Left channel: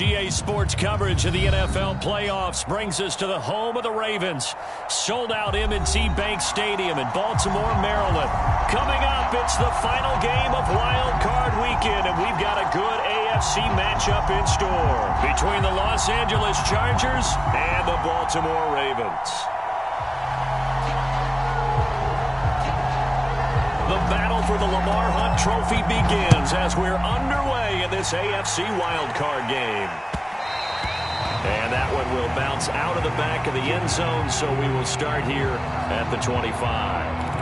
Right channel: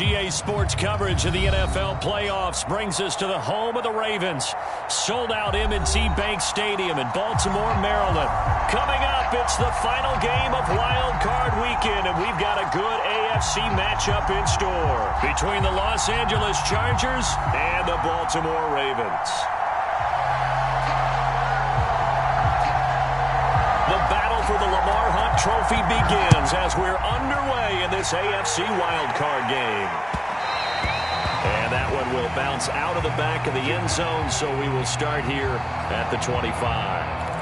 EA Sports coverage of the NFL playoffs brings us to the home of the Ravens. Sold out M&T Bank Stadium in Baltimore, Maryland. Coming up, it's the final game of Wild Card Weekend, and we've got a good AFC matchup in store between the Los Angeles Chargers and the Baltimore Ravens. The battle for the Lamar Hunt Trophy begins as we're underway in this AFC wildcard game. And that one will bounce out of the back of the end zone, so we will start here at the 25.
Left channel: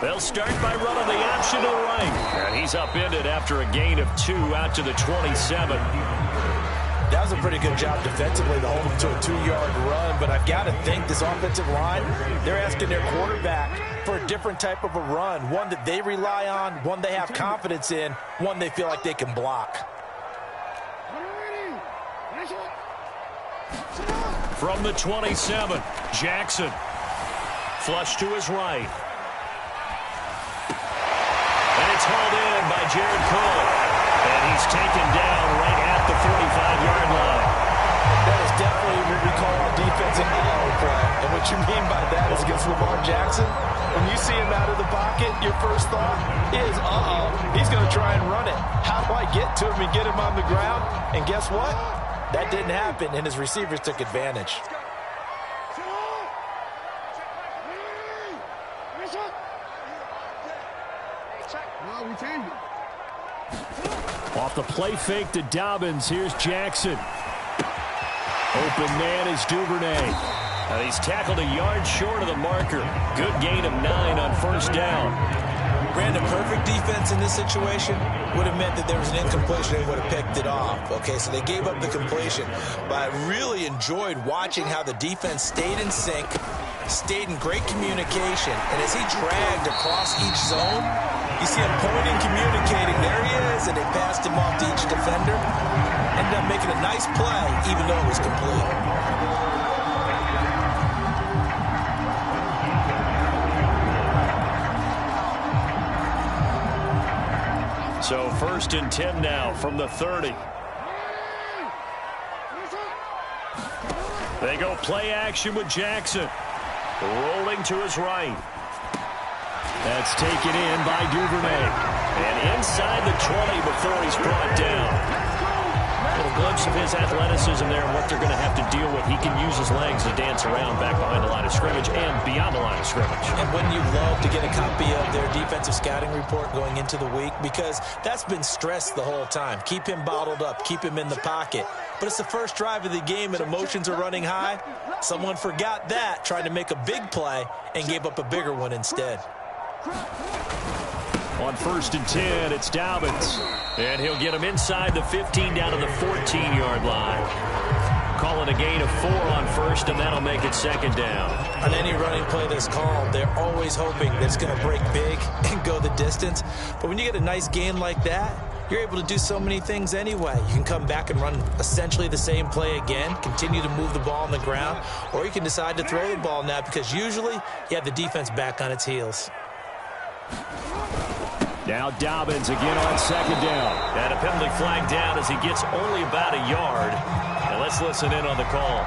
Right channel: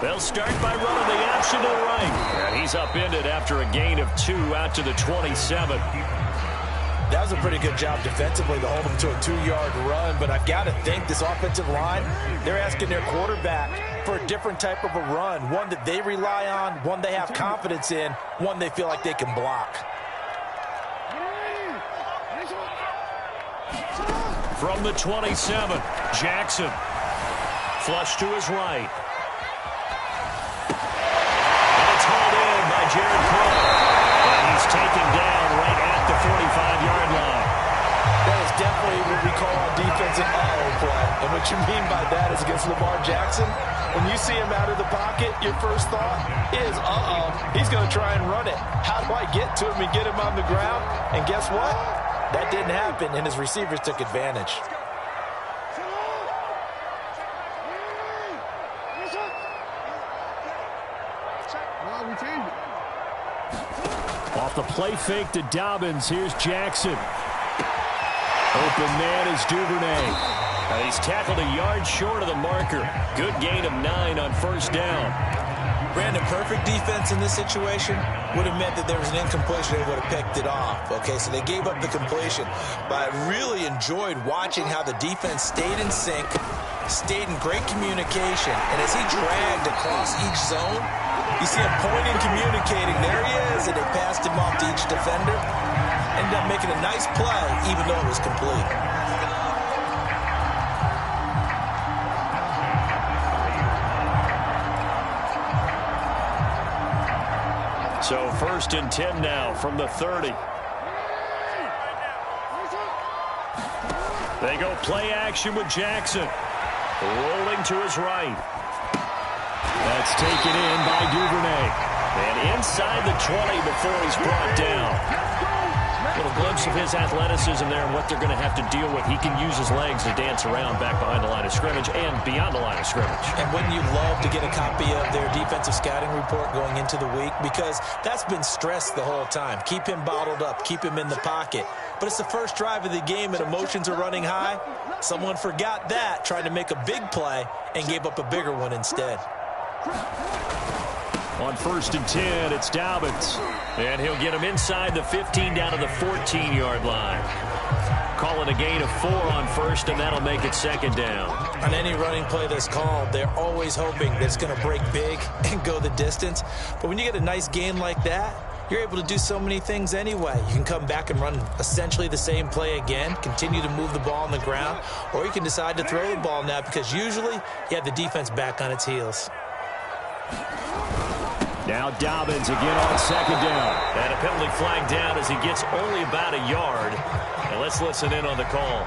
They'll start by running the option to the right. And he's upended after a gain of 2 out to the 27. That was a pretty good job defensively to hold him to a 2-yard run. But I've got to think this offensive line, they're asking their quarterback for a different type of a run. One that they rely on, one they have confidence in, one they feel like they can block. From the 27, Jackson. Flush to his right. It's hauled in by Jared Cook. And he's taken down right at the 45-yard line. That is definitely what we call our defensive uh-oh play. And what you mean by that is against Lamar Jackson, when you see him out of the pocket, your first thought is, uh-oh, he's going to try and run it. How do I get to him and get him on the ground? And guess what? That didn't happen, and his receivers took advantage. Off the play fake to Dobbins. Here's Jackson. Open man is Duvernay. And he's tackled a yard short of the marker. Good gain of 9 on first down. Brandon, perfect defense in this situation would have meant that there was an incompletion. They would have picked it off. Okay, so they gave up the completion. But I really enjoyed watching how the defense stayed in sync, stayed in great communication. And as he dragged across each zone, you see him pointing, communicating. There he is, and they passed him off to each defender. Ended up making a nice play, even though it was complete. So 1st and 10 now from the 30. They go play action with Jackson. Rolling to his right. That's taken in by Duvernay. And inside the 20 before he's brought down. A little glimpse of his athleticism there and what they're going to have to deal with. He can use his legs to dance around back behind the line of scrimmage and beyond the line of scrimmage. And wouldn't you love to get a copy of their defensive scouting report going into the week? Because that's been stressed the whole time. Keep him bottled up. Keep him in the pocket. But it's the first drive of the game and emotions are running high. Someone forgot that, trying to make a big play, and gave up a bigger one instead. On 1st and 10, it's Dobbins. And he'll get him inside the 15 down to the 14-yard line. Calling a gain of 4 on first, and that'll make it 2nd down. On any running play that's called, they're always hoping that it's going to break big and go the distance. But when you get a nice gain like that, you're able to do so many things anyway. You can come back and run essentially the same play again, continue to move the ball on the ground, or you can decide to throw the ball now because usually you have the defense back on its heels. Now Dobbins again on 2nd down. And a penalty flag down as he gets only about a yard. And let's listen in on the call.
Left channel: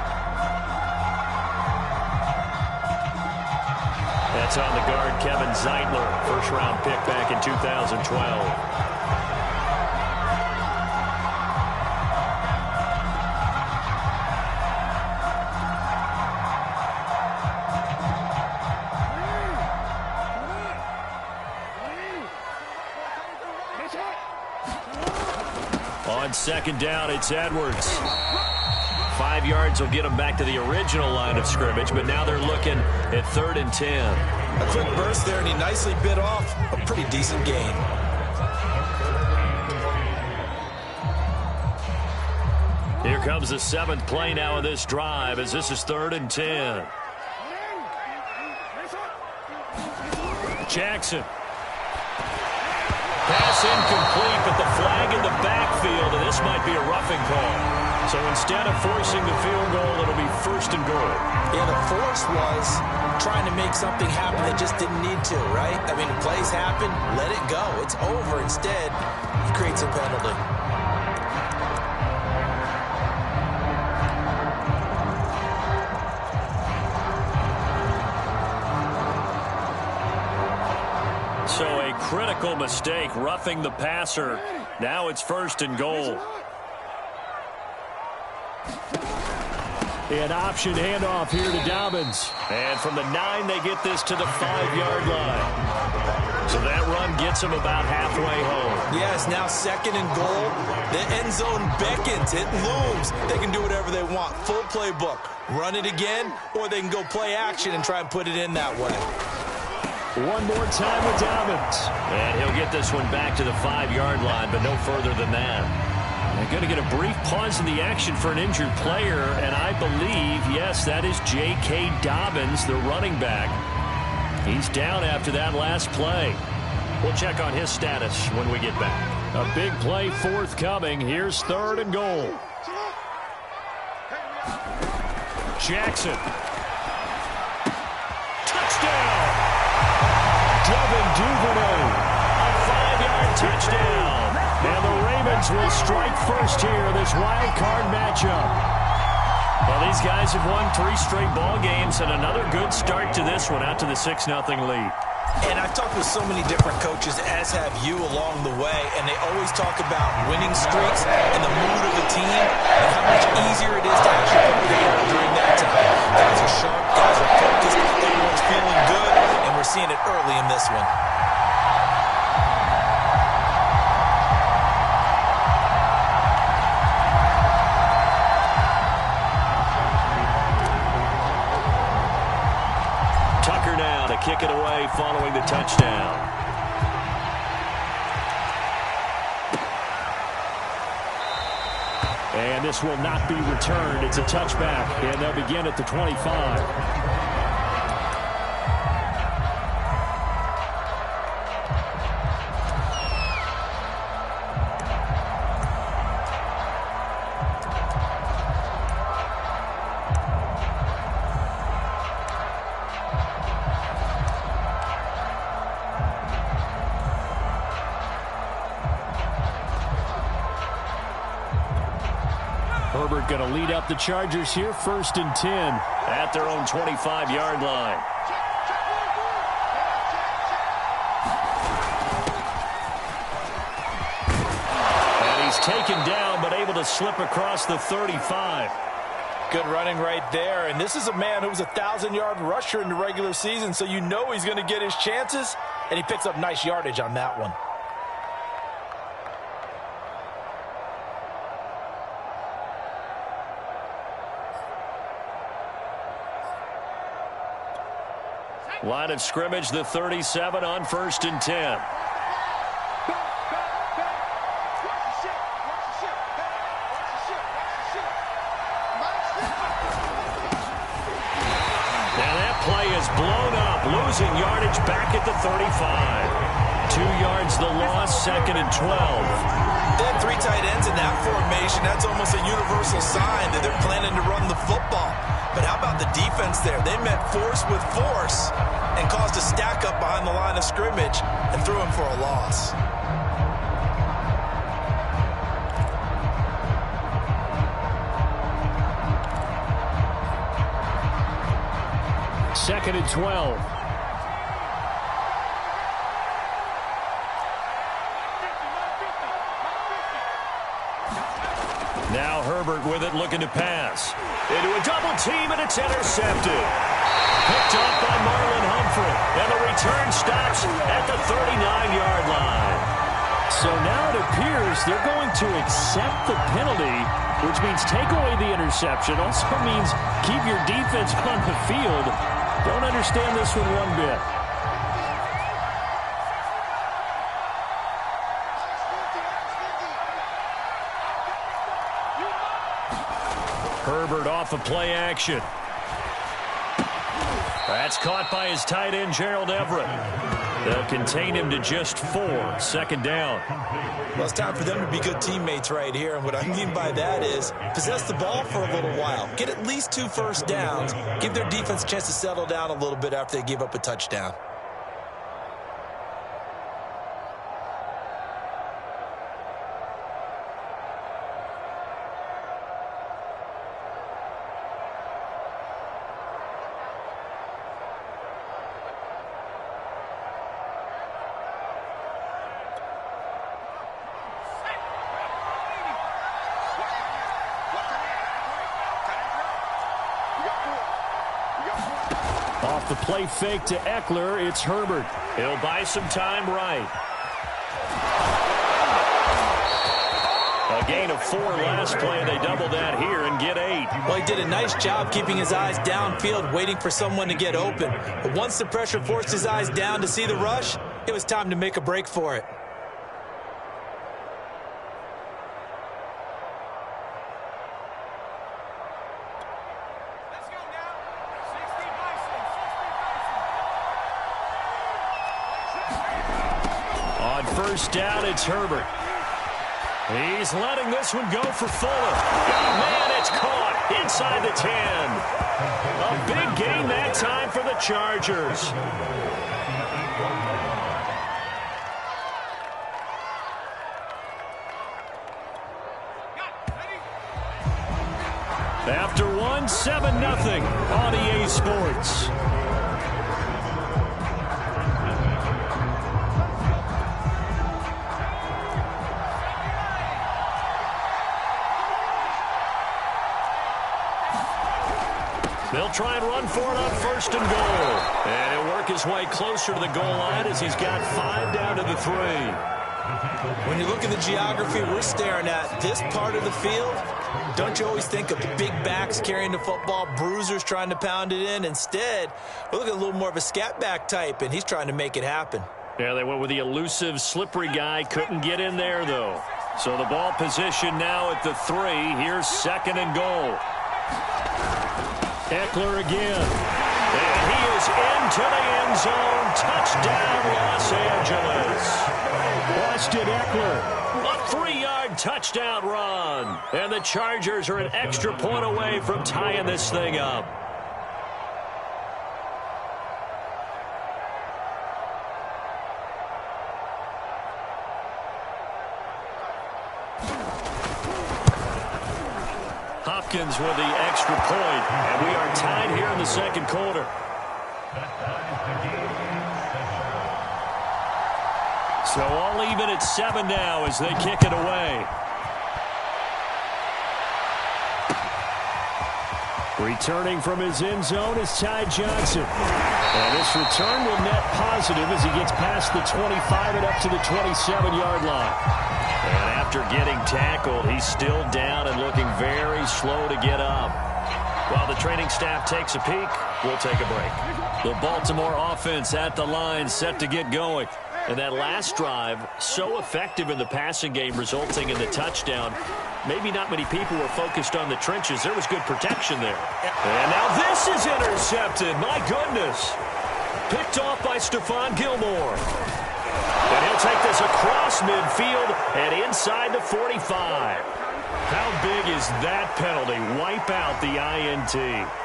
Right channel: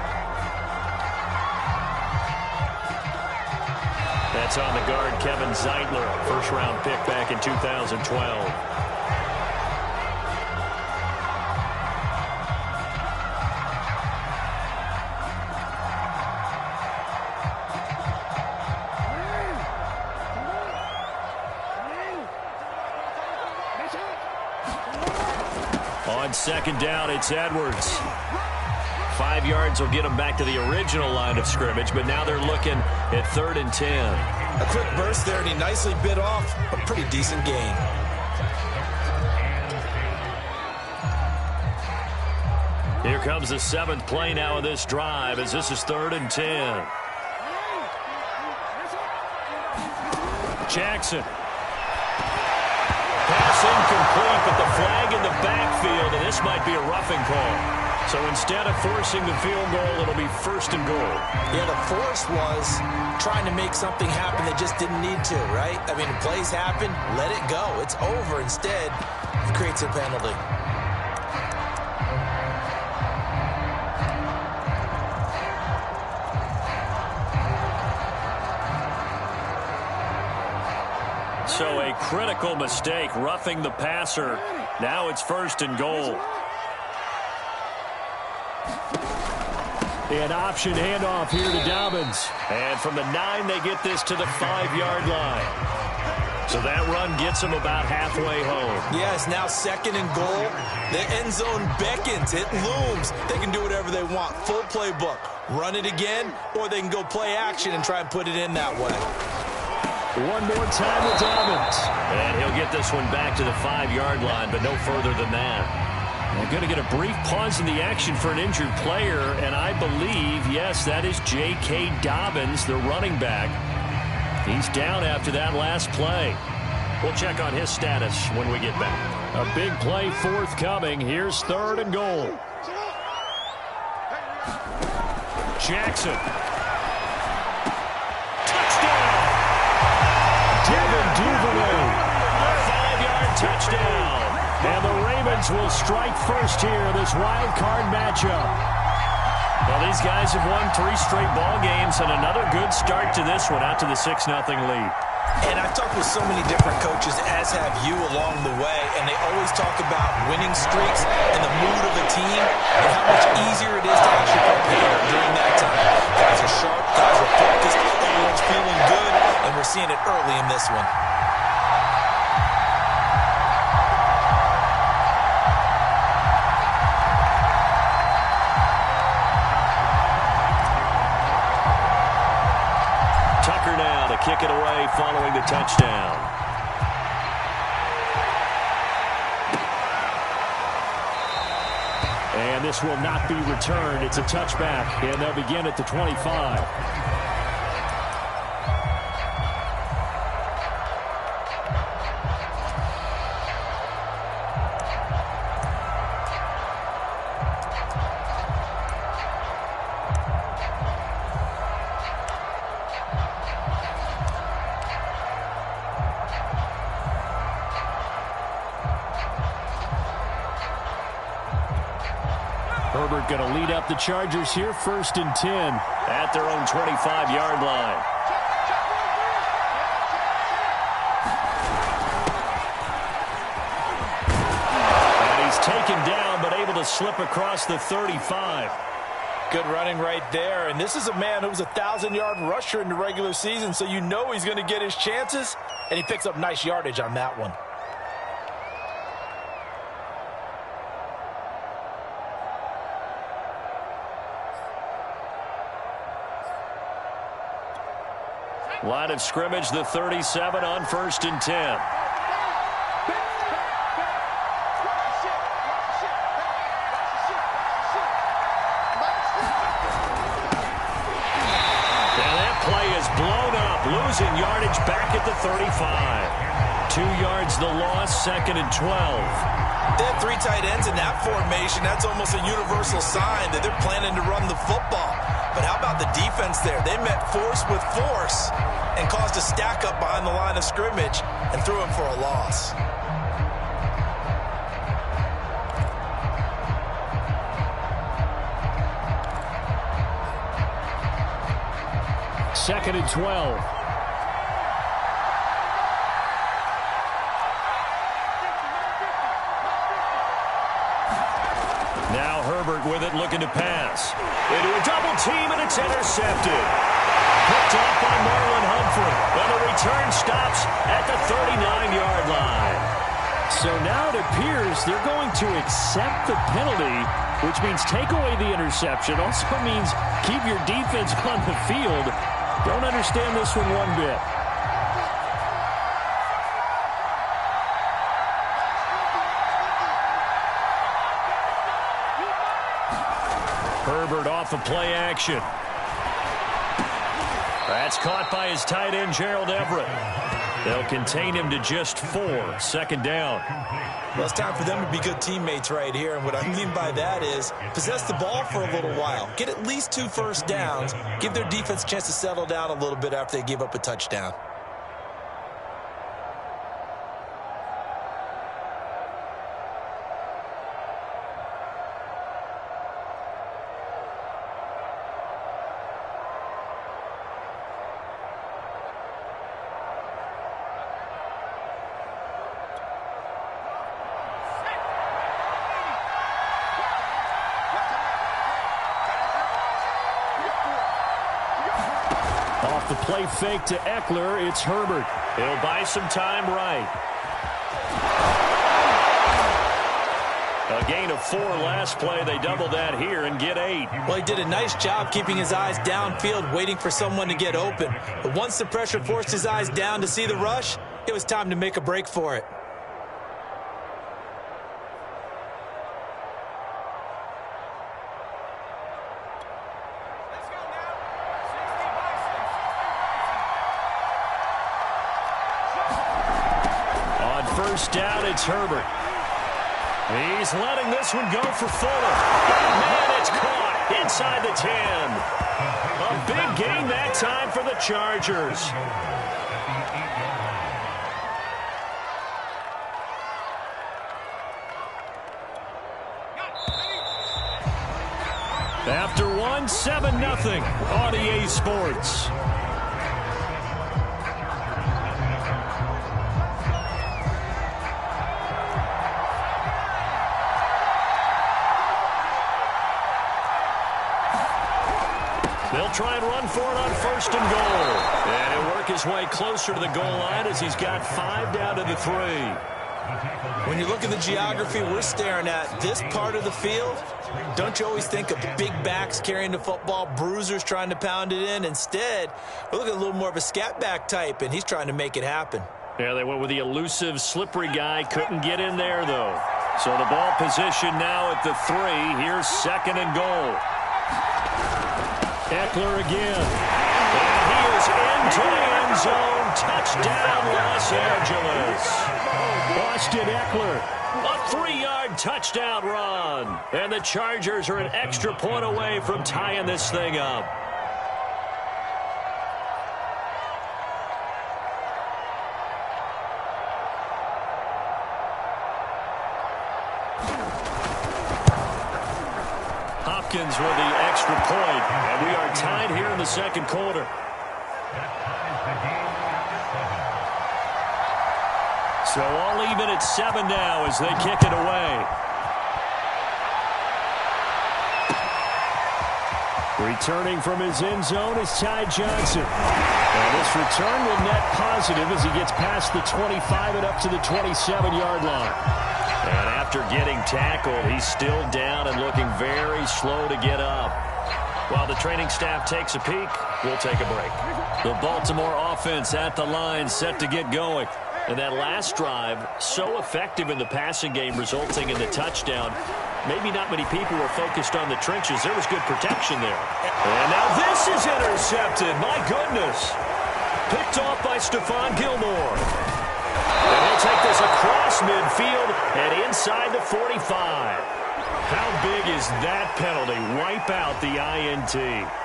That's on the guard, Kevin Zeitler, first-round pick back in 2012. On 2nd down, it's Edwards. 5 yards will get him back to the original line of scrimmage, but now they're looking at 3rd and 10. A quick burst there, and he nicely bit off a pretty decent gain. Here comes the 7th play now of this drive as this is 3rd and 10. Jackson. Pass incomplete, but the flag in the backfield, and this might be a roughing call. So instead of forcing the field goal, it'll be 1st and goal. Yeah, the force was trying to make something happen that just didn't need to, right? I mean, the plays happen, let it go. It's over. Instead, he creates a penalty. So a critical mistake, roughing the passer. Now it's 1st and goal. An option handoff here to Dobbins. And from the 9, they get this to the 5-yard line. So that run gets them about halfway home. Yes, now 2nd and goal. The end zone beckons. It looms. They can do whatever they want. Full playbook. Run it again, or they can go play action and try and put it in that way. One more time with Dobbins. And he'll get this one back to the 5-yard line, but no further than that. They're going to get a brief pause in the action for an injured player, and I believe, yes, that is J.K. Dobbins, the running back. He's down after that last play. We'll check on his status when we get back. A big play forthcoming. Here's 3rd and goal. Jackson. Touchdown! Devin Duvernay. A 5-yard touchdown. And the Ravens will strike first here, this wild card matchup. Well, these guys have won 3 straight ball games, and another good start to this one, out to the 6-0 lead. And I've talked with so many different coaches, as have you, along the way, and they always talk about winning streaks and the mood of a team and how much easier it is to actually prepare during that time. Guys are sharp, guys are focused, everyone's feeling good, and we're seeing it early in this one. Now to kick it away following the touchdown. And this will not be returned. It's a touchback, and they'll begin at the 25. Herbert going to lead up the Chargers here, 1st and 10 at their own 25-yard line. And he's taken down, but able to slip across the 35. Good running right there. And this is a man who was a 1,000-yard rusher in the regular season, so you know he's going to get his chances, and he picks up nice yardage on that one. Line of scrimmage, the 37 on 1st and 10. Now that play is blown up, losing yardage back at the 35. 2 yards the loss, 2nd and 12. They had 3 tight ends in that formation. That's almost a universal sign that they're planning to run the football. But how about the defense there? They met force with force and caused a stack up behind the line of scrimmage and threw him for a loss. Second and 12. Now Herbert with it, looking to pass. Into a double team, and it's intercepted. Picked off by Marlon Humphrey. And the return stops at the 39-yard line. So now it appears they're going to accept the penalty, which means take away the interception. Also means keep your defense on the field. Don't understand this one bit. Herbert off of play action. That's caught by his tight end, Gerald Everett. They'll contain him to just 4. Second down. Well, it's time for them to be good teammates right here. And what I mean by that is possess the ball for a little while. Get at least 2 first downs. Give their defense a chance to settle down a little bit after they give up a touchdown. Off the play fake to Eckler, it's Herbert. He'll buy some time right. A gain of 4 last play. They double that here and get 8. Well, he did a nice job keeping his eyes downfield, waiting for someone to get open. But once the pressure forced his eyes down to see the rush, it was time to make a break for it. On first down, it's Herbert. He's letting this one go for Fuller. Man, it's caught inside the 10. A big gain that time for the Chargers. After one, 7-0 on EA Sports. They'll try and run for it on first and goal. And he'll work his way closer to the goal line as he's got 5 down to the 3. When you look at the geography we're staring at, this part of the field, don't you always think of big backs carrying the football, bruisers trying to pound it in? Instead, we're looking at a little more of a scat back type, and he's trying to make it happen. Yeah, they went with the elusive, slippery guy. Couldn't get in there, though. So the ball position now at the 3. Here's second and goal. Eckler again. And he is into the end zone. Touchdown, Los Angeles. Austin Eckler. A 3-yard touchdown run. And the Chargers are an extra point away from tying this thing up. Hopkins with the extra point, and we are tied here in the second quarter. So all even at 7 now as they kick it away. Returning from his end zone is Ty Johnson. And this return will net positive as he gets past the 25 and up to the 27-yard line. And after getting tackled, he's still down and looking very slow to get up. While the training staff takes a peek, we'll take a break. The Baltimore offense at the line, set to get going. And that last drive, so effective in the passing game, resulting in the touchdown. Maybe not many people were focused on the trenches. There was good protection there. And now this is intercepted. My goodness. Picked off by Stephon Gilmore. And he'll take this across midfield and inside the 45. How big is that penalty? Wipe out the INT.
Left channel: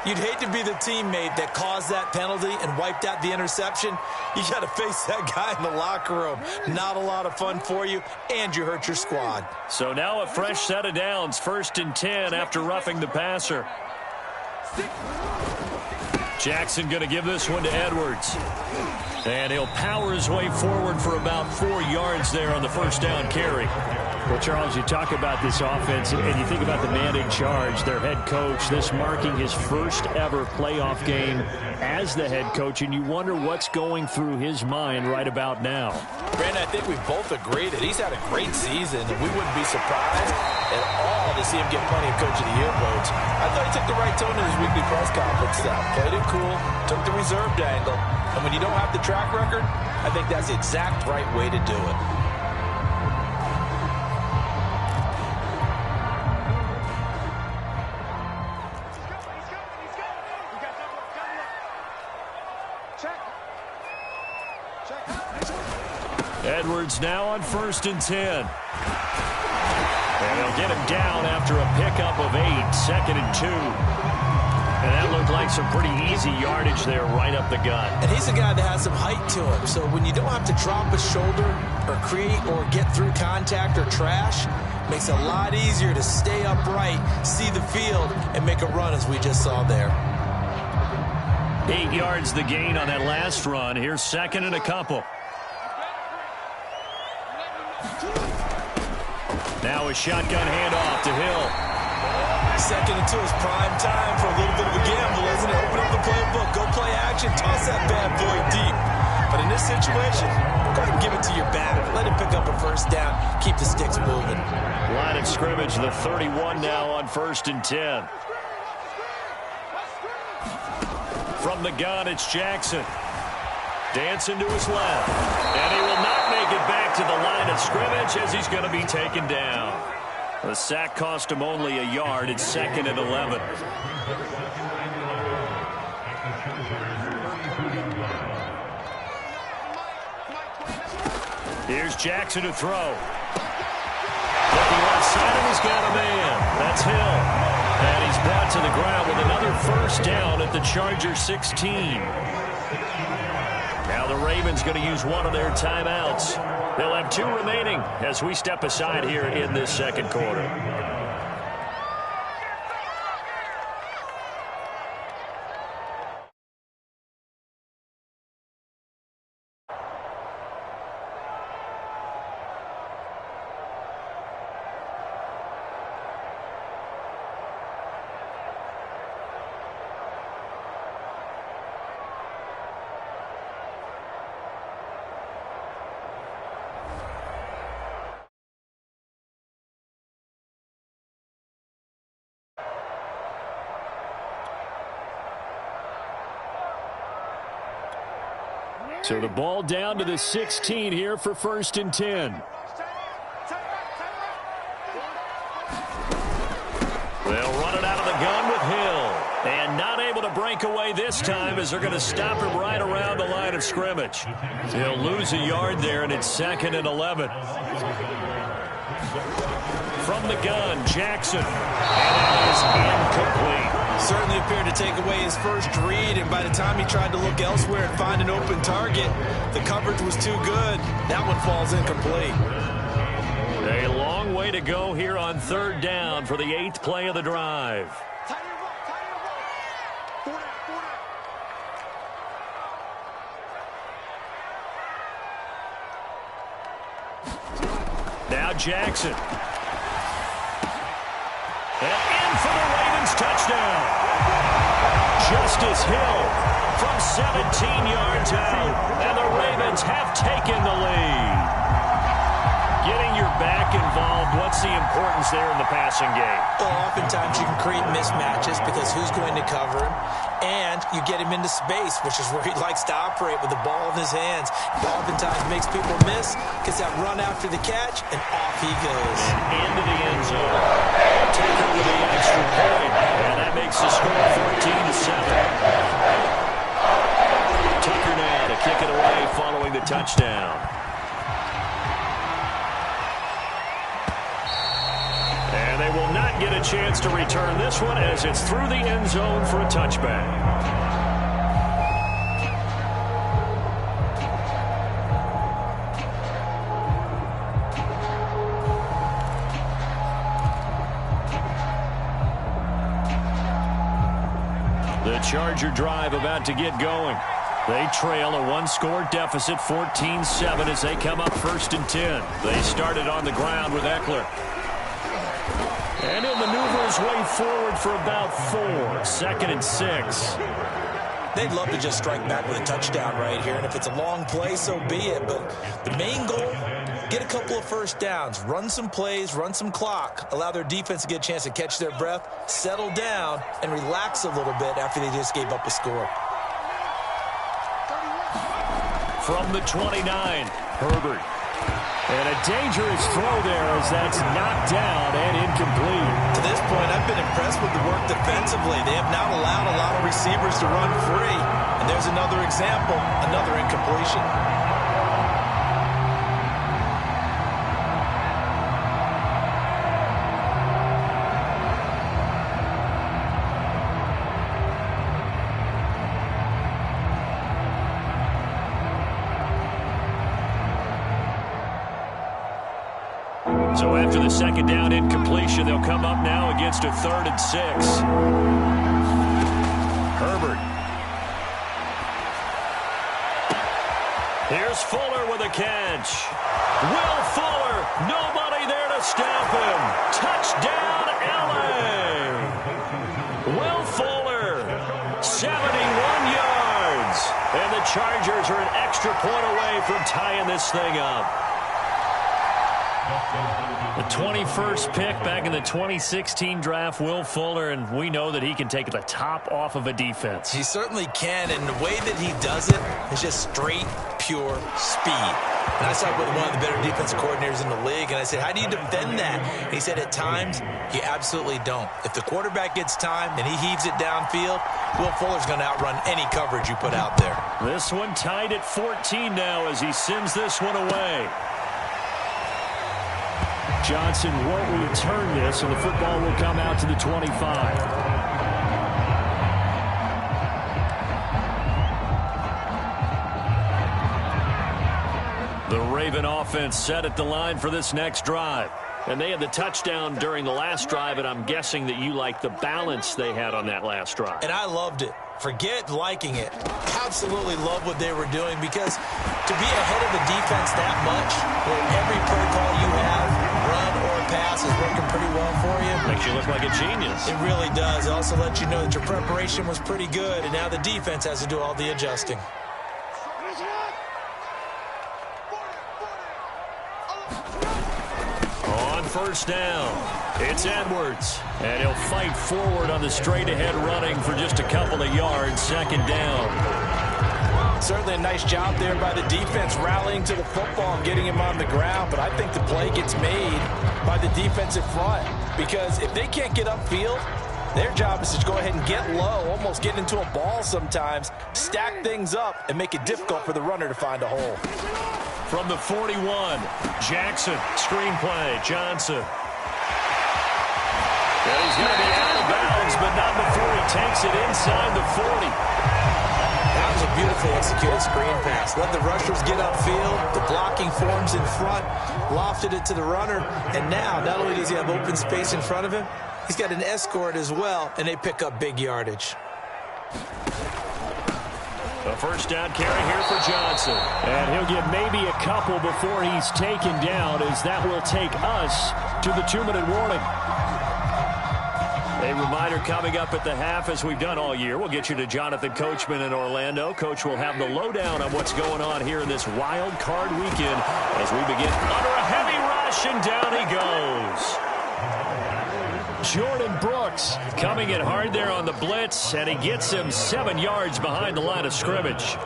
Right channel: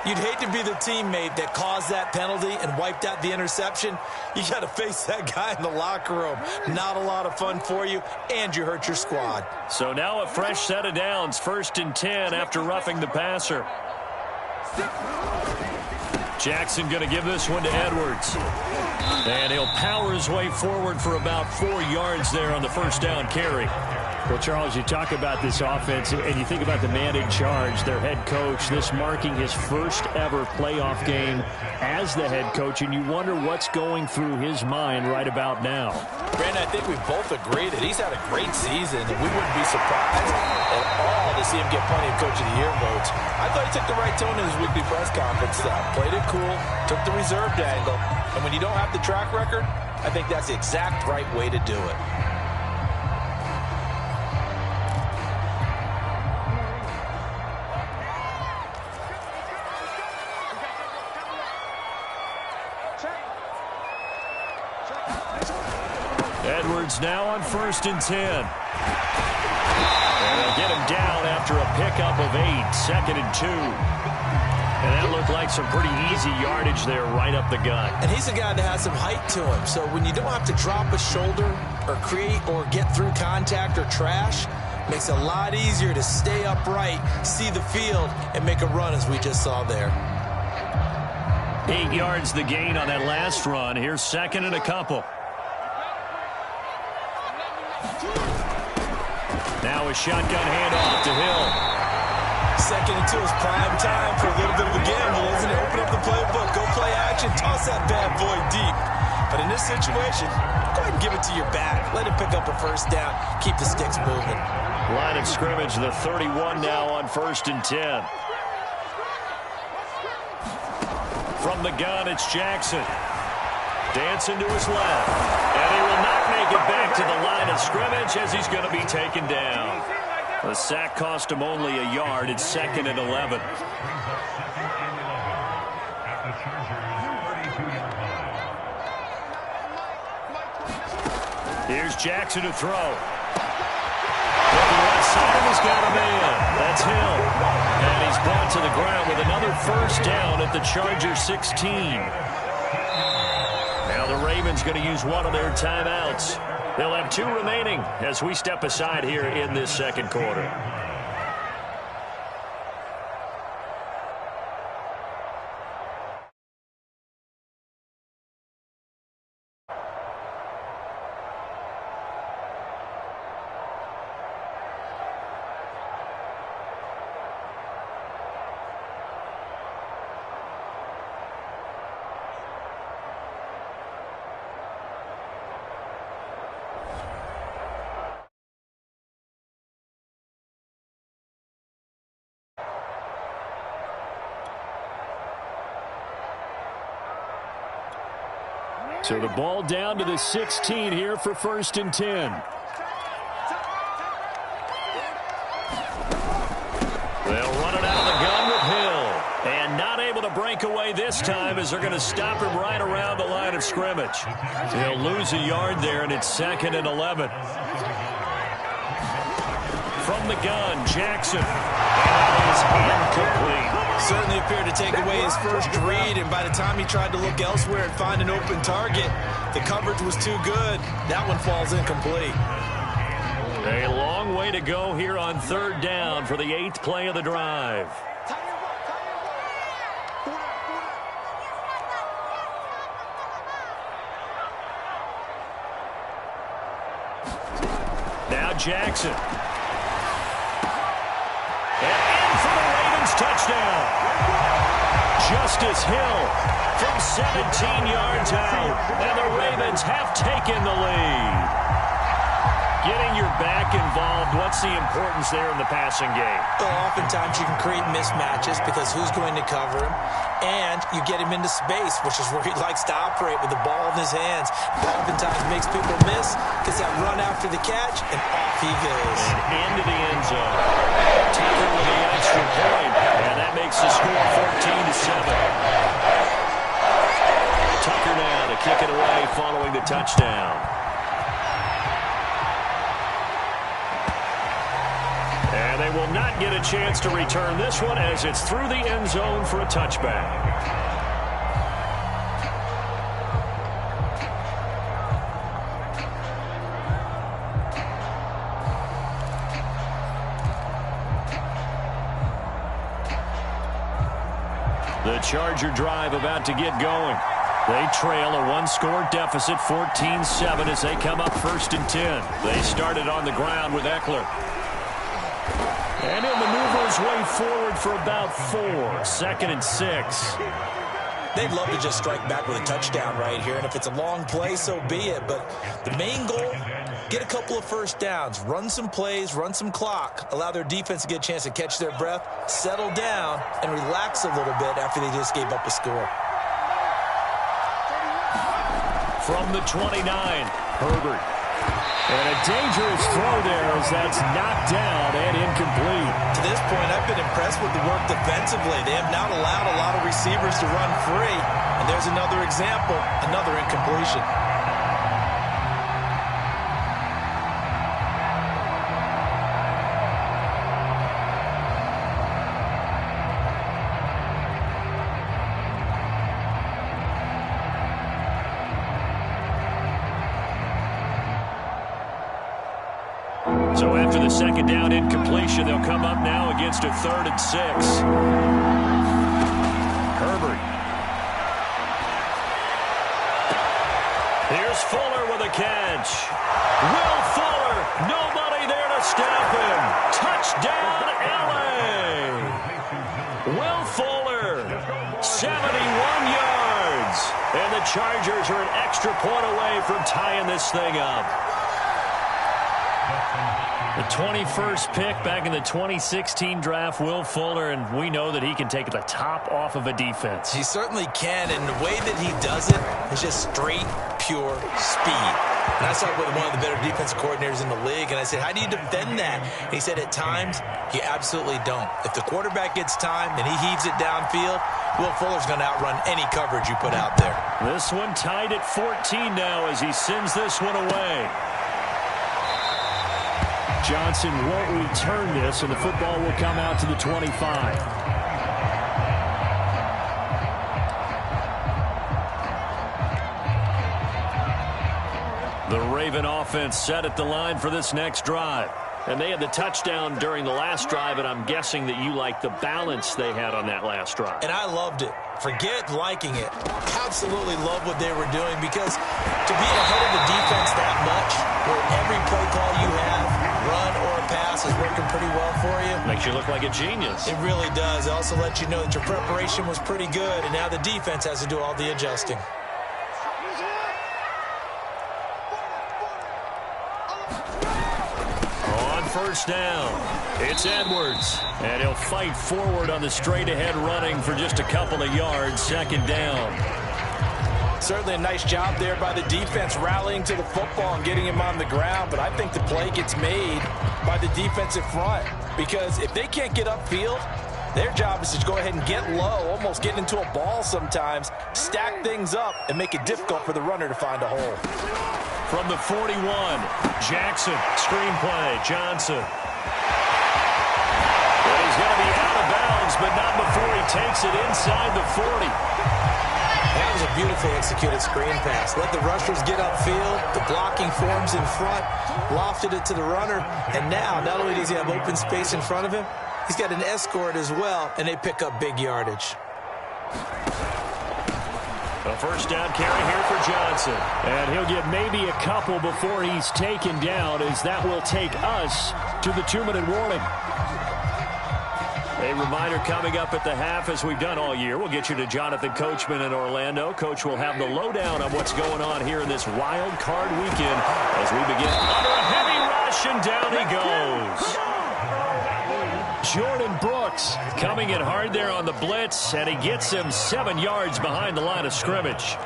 You'd hate to be the teammate that caused that penalty and wiped out the interception. You got to face that guy in the locker room. Not a lot of fun for you, and you hurt your squad. So now a fresh set of downs, 1st and 10 after roughing the passer. Jackson going to give this one to Edwards. And he'll power his way forward for about 4 yards there on the first down carry. Well, Charles, you talk about this offense, and you think about the man in charge, their head coach, this marking his first ever playoff game as the head coach, and you wonder what's going through his mind right about now. Brandon, I think we both agree that he's had a great season, and we wouldn't be surprised at all to see him get plenty of Coach of the Year votes. I thought he took the right tone in his weekly press conference. Played it cool, took the reserved angle, and when you don't have the track record, I think that's the exact right way to do it. Edwards now on 1st and 10. And they'll get him down after a pickup of 8, 2nd and 2. And that looked like some pretty easy yardage there right up the gut. And he's a guy that has some height to him. So when you don't have to drop a shoulder or create or get through contact or trash, makes it a lot easier to stay upright, see the field, and make a run as we just saw there. 8 yards the gain on that last run. Here's 2nd and a couple. Now a shotgun handoff to Hill. 2nd and 2 is prime time for a little bit of a gamble, isn't it? Open up the playbook, go play action, toss that bad boy deep. But in this situation, go ahead and give it to your back. Let him pick up a 1st down. Keep the sticks moving. Line of scrimmage, the 31 now on 1st and 10. From the gun, it's Jackson. Dancing to his left. And he will not make it back to the line of scrimmage as he's going to be taken down. The sack cost him only a yard. It's 2nd and 11. Here's Jackson to throw. Looking left side, and he's got a man. That's Hill. And he's brought to the ground with another 1st down at the Charger 16. Now the Ravens going to use one of their timeouts. They'll have 2 remaining as we step aside here in this 2nd quarter. So the ball down to the 16 here for 1st and 10. They'll run it out of the gun with Hill. And not able to break away this time as they're going to stop him right around the line of scrimmage. He'll lose a yard there, and it's 2nd and 11. From the gun, Jackson. And that is incomplete. Certainly appeared to take away his first read, and by the time he tried to look elsewhere and find an open target, the coverage was too good. That one falls incomplete. A long way to go here on 3rd down for the 8th play of the drive. Now Jackson. And in for the Ravens touchdown. Justice Hill from 17 yards out. And the Ravens have taken the lead. Getting your back involved, what's the importance there in the passing game? Well, oftentimes you can create mismatches because who's going to cover him? And you get him into space, which is where he likes to operate with the ball in his hands. Oftentimes makes people miss, gets that run after the catch, and off he goes. And into the end zone. Tucker with the extra point, and that makes the score 14-7. Tucker now to kick it away following the touchdown. And they will not get a chance to return this one as it's through the end zone for a touchback. The Charger drive about to get going. They trail a one-score deficit, 14-7, as they come up 1st and 10. They started on the ground with Eckler. And he'll maneuver his way forward for about 4. 2nd and 6. They'd love to just strike back with a touchdown right here, and if it's a long play, so be it. But the main goal, get a couple of 1st downs, run some plays, run some clock, allow their defense to get a chance to catch their breath, settle down, and relax a little bit after they just gave up a score. From the 29, Herbert. And a dangerous throw there as that's knocked down and incomplete. To this point, I've been impressed with the work defensively. They have not allowed a lot of receivers to run free. And there's another example, another incompletion. So after the second down incompletion, they'll come up now against a 3rd and 6. Herbert. Here's Fuller with a catch. Will Fuller, nobody there to stop him. Touchdown, L.A. Will Fuller, 71 yards. And the Chargers are an extra point away from tying this thing up. The 21st pick back in the 2016 draft, Will Fuller, and we know that he can take the top off of a defense. He certainly can, and the way that he does it is just straight, pure speed. And I saw it with one of the better defensive coordinators in the league, and I said, how do you defend that? And he said, at times, you absolutely don't. If the quarterback gets time and he heaves it downfield, Will Fuller's going to outrun any coverage you put out there. This one tied at 14 now as he sends this one away. Johnson won't return this, and the football will come out to the 25. The Raven offense set at the line for this next drive. And they had the touchdown during the last drive, and I'm guessing that you like the balance they had on that last drive. And I loved it. Forget liking it. Absolutely love what they were doing, because to be ahead of the defense that much, where every play call you have, run or pass, is working pretty well for you. Makes you look like a genius. It really does. It also lets you know that your preparation was pretty good, and now the defense has to do all the adjusting. On first down, it's Edwards. And he'll fight forward on the straight-ahead running for just a couple of yards. Second down. Certainly a nice job there by the defense rallying to the football and getting him on the ground. But I think the play gets made by the defensive front, because if they can't get upfield, their job is to go ahead and get low, almost get into a ball sometimes, stack things up, and make it difficult for the runner to find a hole. From the 41, Jackson, screen play, Johnson. And he's going to be out of bounds, but not before he takes it inside the 40. That was a beautifully executed screen pass. Let the rushers get upfield. The blocking forms in front, lofted it to the runner, and now not only does he have open space in front of him, he's got an escort as well, and they pick up big yardage. A first down carry here for Johnson. And he'll get maybe a couple before he's taken down, as that will take us to the 2-minute warning. A reminder coming up at the half, as we've done all year. We'll get you to Jonathan Coachman in Orlando. Coach will have the lowdown on what's going on here in this wild card weekend as we begin under a heavy rush, and down he goes. Jordan Brooks coming in hard there on the blitz, and he gets him 7 yards behind the line of scrimmage.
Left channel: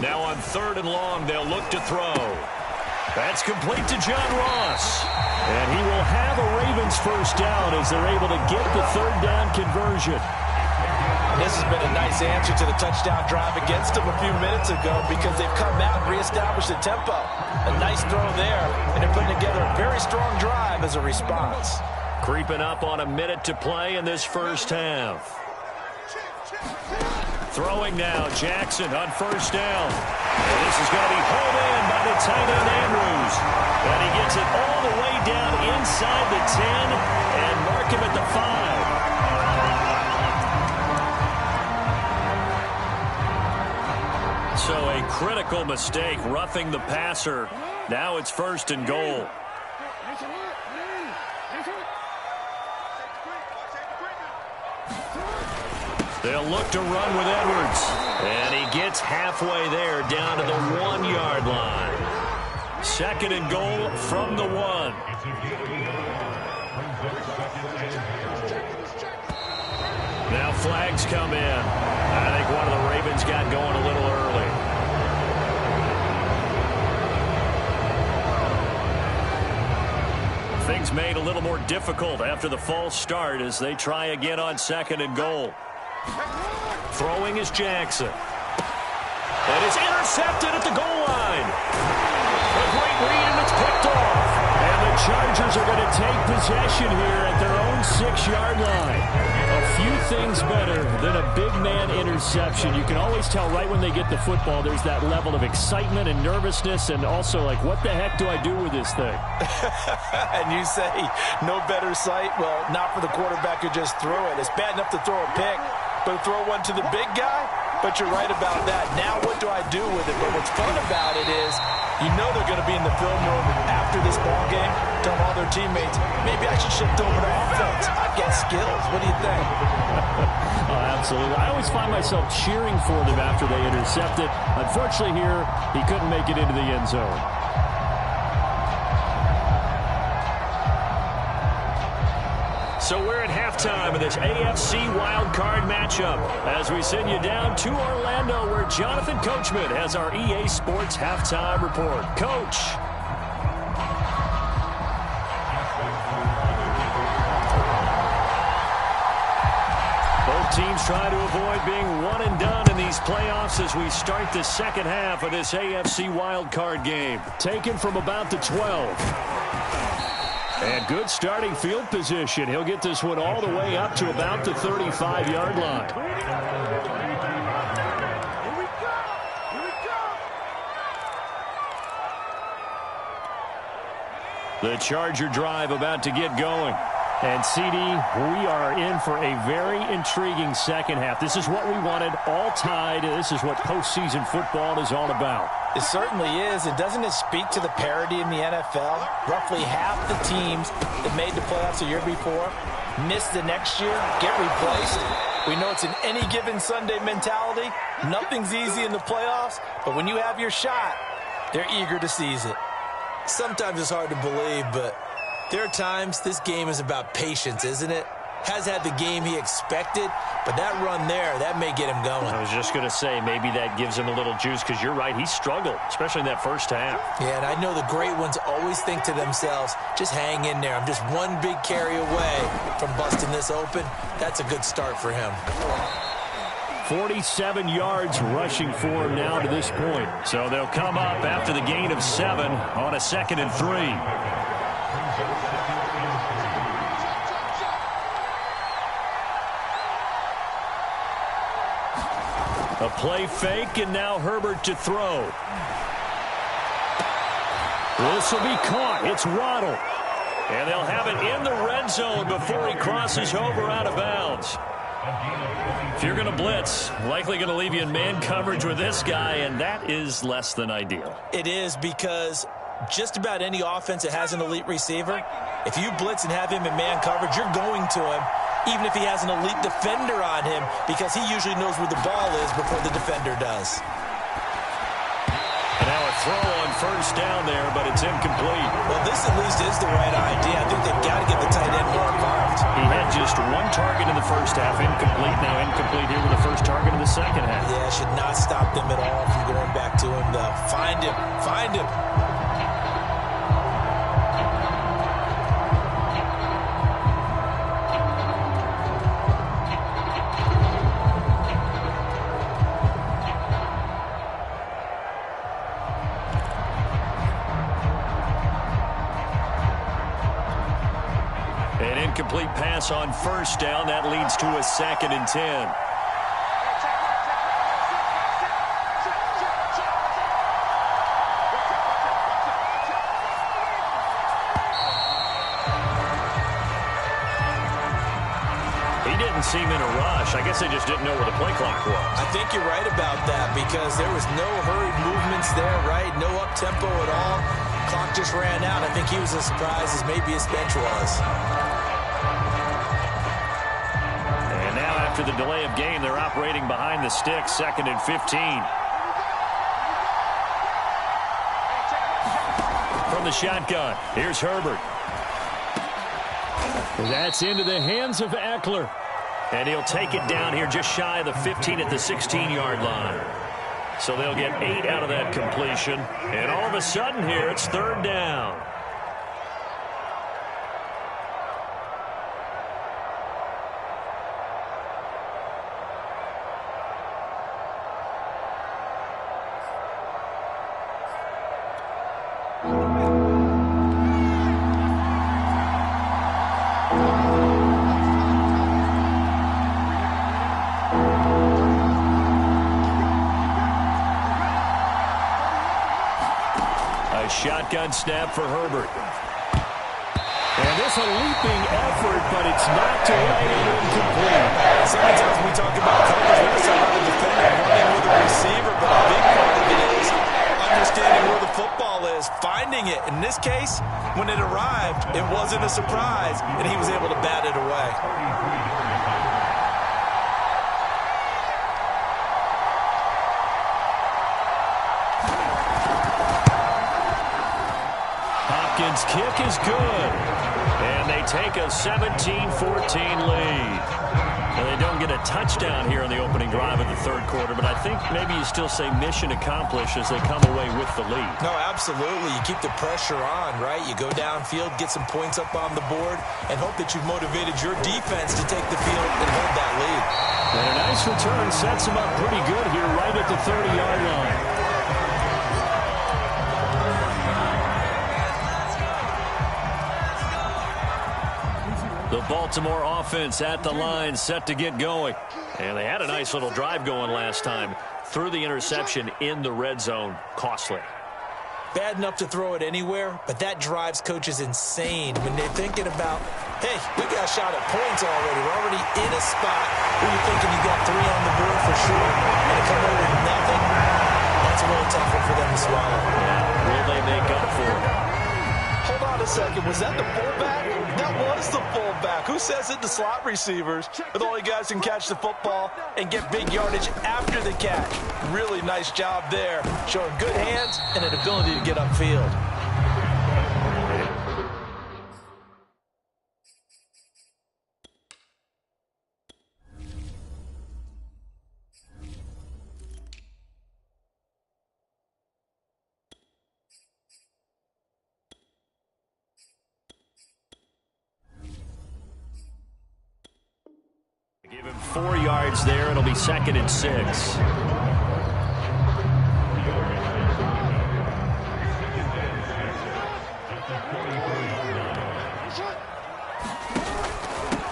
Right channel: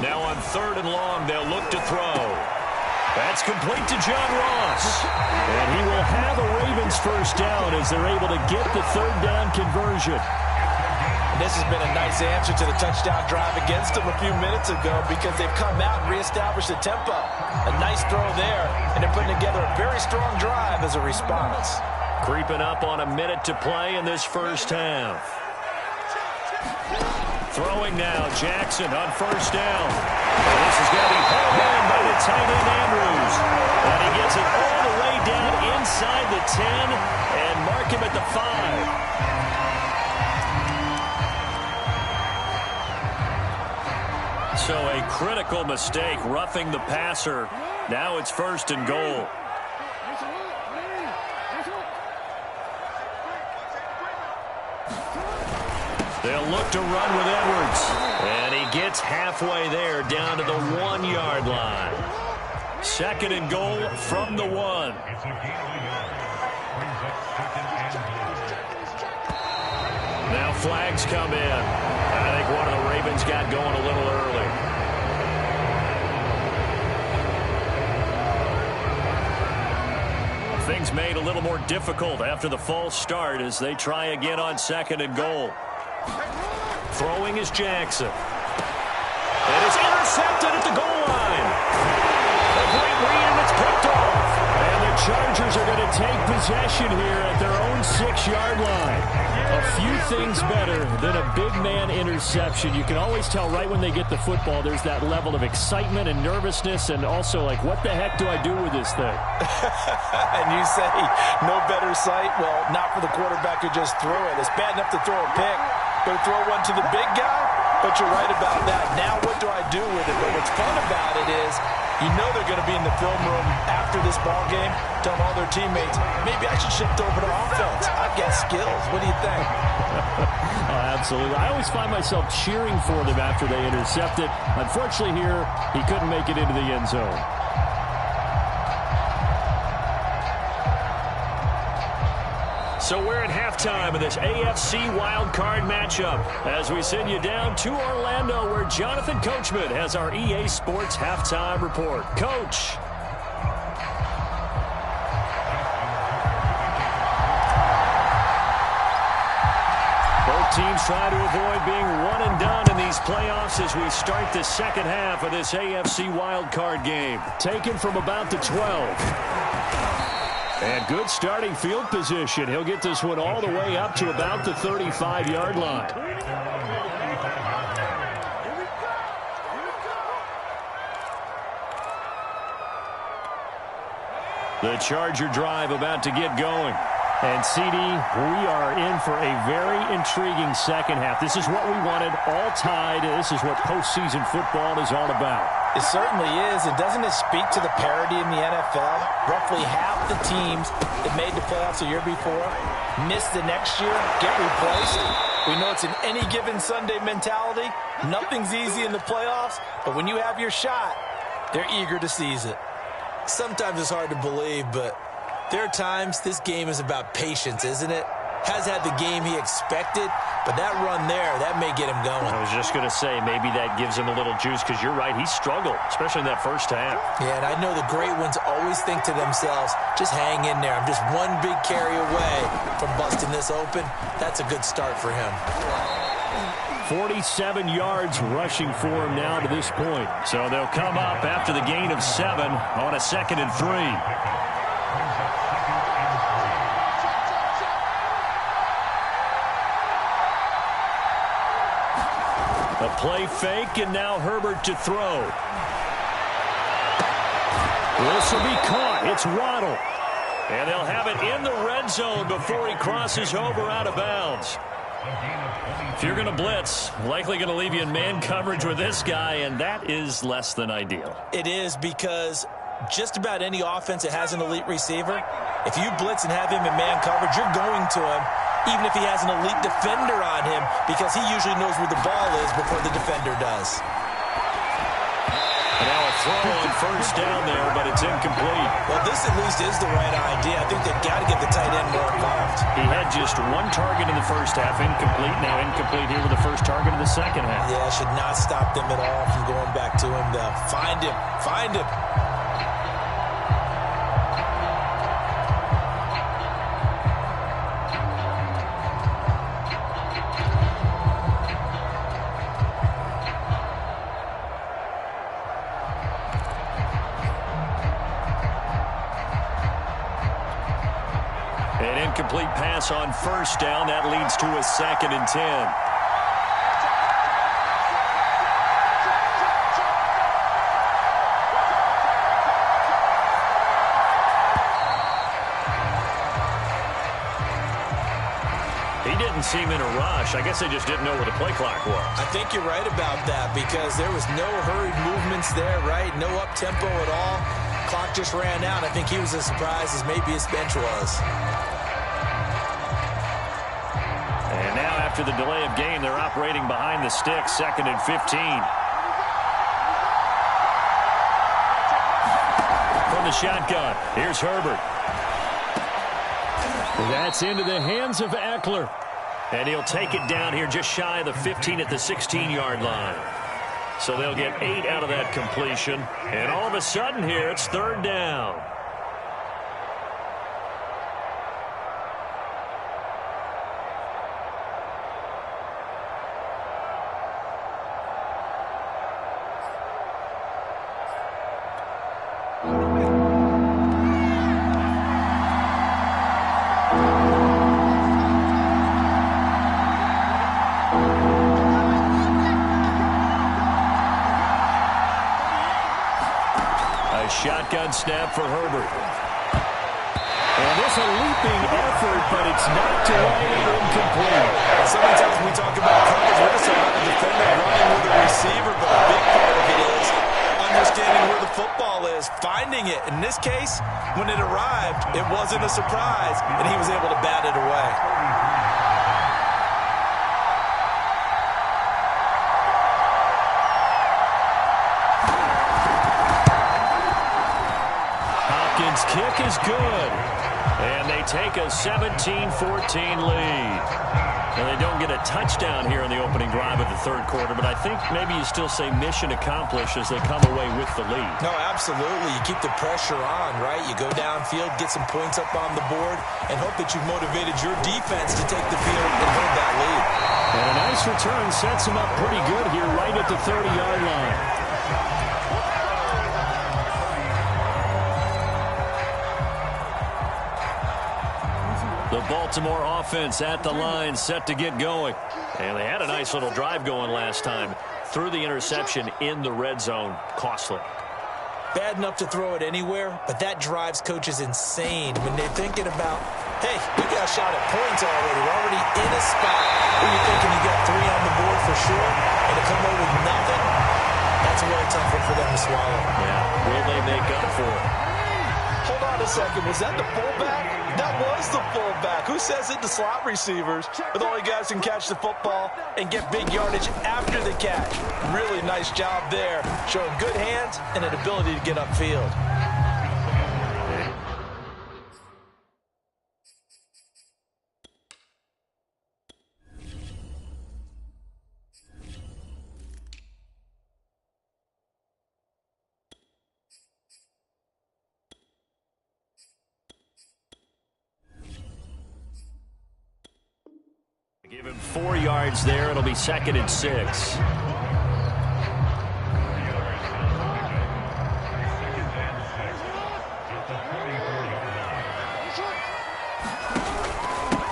Now on 3rd and long, they'll look to throw. That's complete to John Ross. And he will have a Ravens first down as they're able to get the 3rd down conversion. And this has been a nice answer to the touchdown drive against them a few minutes ago, because they've come out and reestablished the tempo. A nice throw there, and they're putting together a very strong drive as a response. Creeping up on a minute to play in this first half. Throwing now, Jackson on first down. And this is going to be hauled in by the tight end, Andrews. And he gets it all the way down inside the 10 and mark him at the 5. So a critical mistake, roughing the passer. Now it's 1st and goal. They'll look to run with Edwards. And he gets halfway there, down to the 1-yard line. 2nd and goal from the 1. Now flags come in. I think one of the Ravens got going a little early. Things made a little more difficult after the false start as they try again on 2nd and goal. Throwing is Jackson. It is intercepted at the goal line. A great read, and it's picked off. And the Chargers are going to take possession here at their own 6-yard line. A few things better than a big man interception. You can always tell right when they get the football, there's that level of excitement and nervousness, and also like, what the heck do I do with this thing? And you say, no better sight? Well, not for the quarterback who just threw it. It's bad enough to throw a pick, but to throw one to the big guy? But you're right about that. Now what do I do with it? But what's fun about it is, you know they're going to be in the film room after this ball game, telling all their teammates, maybe I should shift over to offense. I've got skills. What do you think? Oh, absolutely. I always find myself cheering for them after they intercept it. Unfortunately here, he couldn't make it into the end zone. So we're at halftime of this AFC wildcard matchup as we send you down to Orlando where Jonathan Coachman has our EA Sports halftime report. Coach. Both teams try to avoid being one and done in these playoffs as we start the second half of this AFC wildcard game. Taken from about the 12. And good starting field position. He'll get this one all the way up to about the 35-yard line. The Charger drive about to get going. And, CD, we are in for a very intriguing second half. This is what we wanted, all tied. This is what postseason football is all about. It certainly is. And doesn't it speak to the parity in the NFL? Roughly half the teams that made the playoffs the year before miss the next year, get replaced. We know it's an any given Sunday mentality. Nothing's easy in the playoffs, but when you have your shot, they're eager to seize it. Sometimes it's hard to believe, but there are times this game is about patience, isn't it? Has had the game he expected, but that run there, that may get him going. I was just going to say, maybe that gives him a little juice, because you're right, he struggled, especially in that first half. Yeah, and I know the great ones always think to themselves, just hang in there. I'm just one big carry away from busting this open. That's a good start for him. 47 yards rushing for him now to this point. So they'll come up after the gain of 7 on a 2nd and 3. A play fake, and now Herbert to throw. This will be caught. It's Waddle. And they'll have it in the red zone before he crosses over out of bounds. If you're going to blitz, likely going to leave you in man coverage with this guy, and that is less than ideal. It is, because just about any offense that has an elite receiver, if you blitz and have him in man coverage, you're going to him, even if he has an elite defender on him, because he usually knows where the ball is before the defender does. And now a throw on first down there, but it's incomplete. Well, this at least is the right idea. I think they've got to get the tight end more involved. He had just one target in the first half, incomplete. Now incomplete here with the first target in the second half. Yeah, should not stop them at all from going back to him, though. Find him. Find him. An incomplete pass on first down. That leads to a 2nd and 10. He didn't seem in a rush. I guess they just didn't know where the play clock was. I think you're right about that, because there was no hurried movements there, right? No up-tempo at all. Clock just ran out. I think he was as surprised as maybe his bench was. And now after the delay of game, they're operating behind the sticks, 2nd and 15. From the shotgun, here's Herbert. That's into the hands of Eckler. And he'll take it down here just shy of the 15 at the 16-yard line. So they'll get 8 out of that completion. And all of a sudden here, it's 3rd down. Shotgun snap for Herbert. And this a leaping effort, but it's knocked away and incomplete. So many times when we talk about coverage, we're just talking about the defender running with a receiver, but a big part of it is understanding where the football is, finding it. In this case, when it arrived, it wasn't a surprise, and he was able to bat it away. Hopkins' kick is good. And they take a 17-14 lead. Well, they don't get a touchdown here in the opening drive of the third quarter, but I think maybe you still say mission accomplished as they come away with the lead. No, absolutely. You keep the pressure on, right? You go downfield, get some points up on the board, and hope that you've motivated your defense to take the field and hold that lead. And a nice return sets them up pretty good here right at the 30-yard line. The Baltimore offense at the line, set to get going. And they had a nice little drive going last time. Threw the interception in the red zone. Costly. Bad enough to throw it anywhere, but that drives coaches insane when they're thinking about, hey, we got a shot at points already. We're already in a spot where you're thinking you got 3 on the board for sure, and to come away with nothing, that's a really tough one for them to swallow. Yeah, will they make up for it? Hold on a second. Was that the fullback? That was the fullback. Who says it? The slot receivers are the only guys who can catch the football and get big yardage after the catch. Really nice job there, showing good hands and an ability to get upfield. Give him 4 yards there. It'll be 2nd and 6.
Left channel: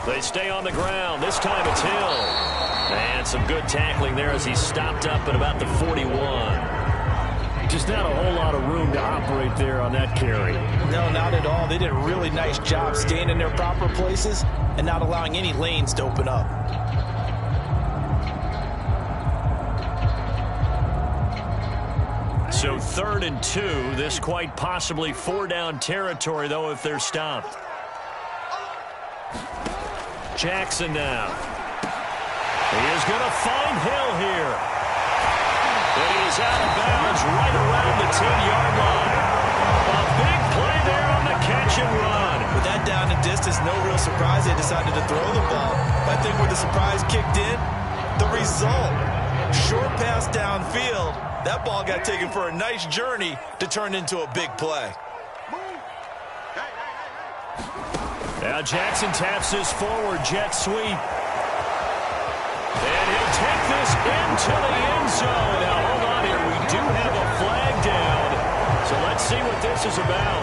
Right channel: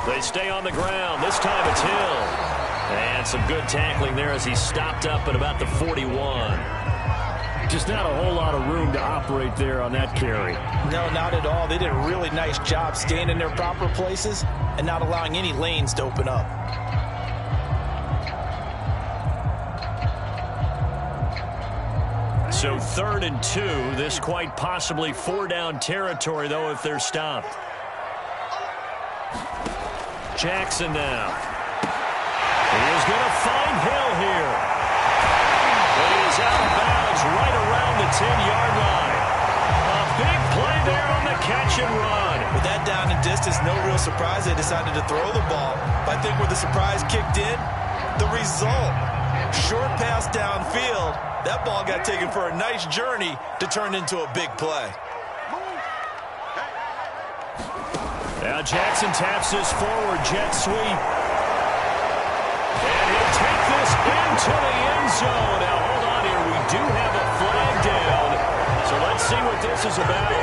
They stay on the ground. This time it's Hill. And some good tackling there as he stopped up at about the 41. Just not a whole lot of room to operate there on that carry. No, not at all. They did a really nice job staying in their proper places and not allowing any lanes to open up. So 3rd and 2. This quite possibly 4-down territory, though, if they're stopped. Jackson now. He is going to find Hill here. And he is out of bounds right around the 10-yard line. A big play there on the catch and run. With that down and distance, no real surprise they decided to throw the ball. But I think where the surprise kicked in, the result. Short pass downfield. That ball got taken for a nice journey to turn into a big play. Now Jackson taps this forward jet sweep. And he'll take this into the end zone. Now hold on here. We do have a flag down. So let's see what this is about.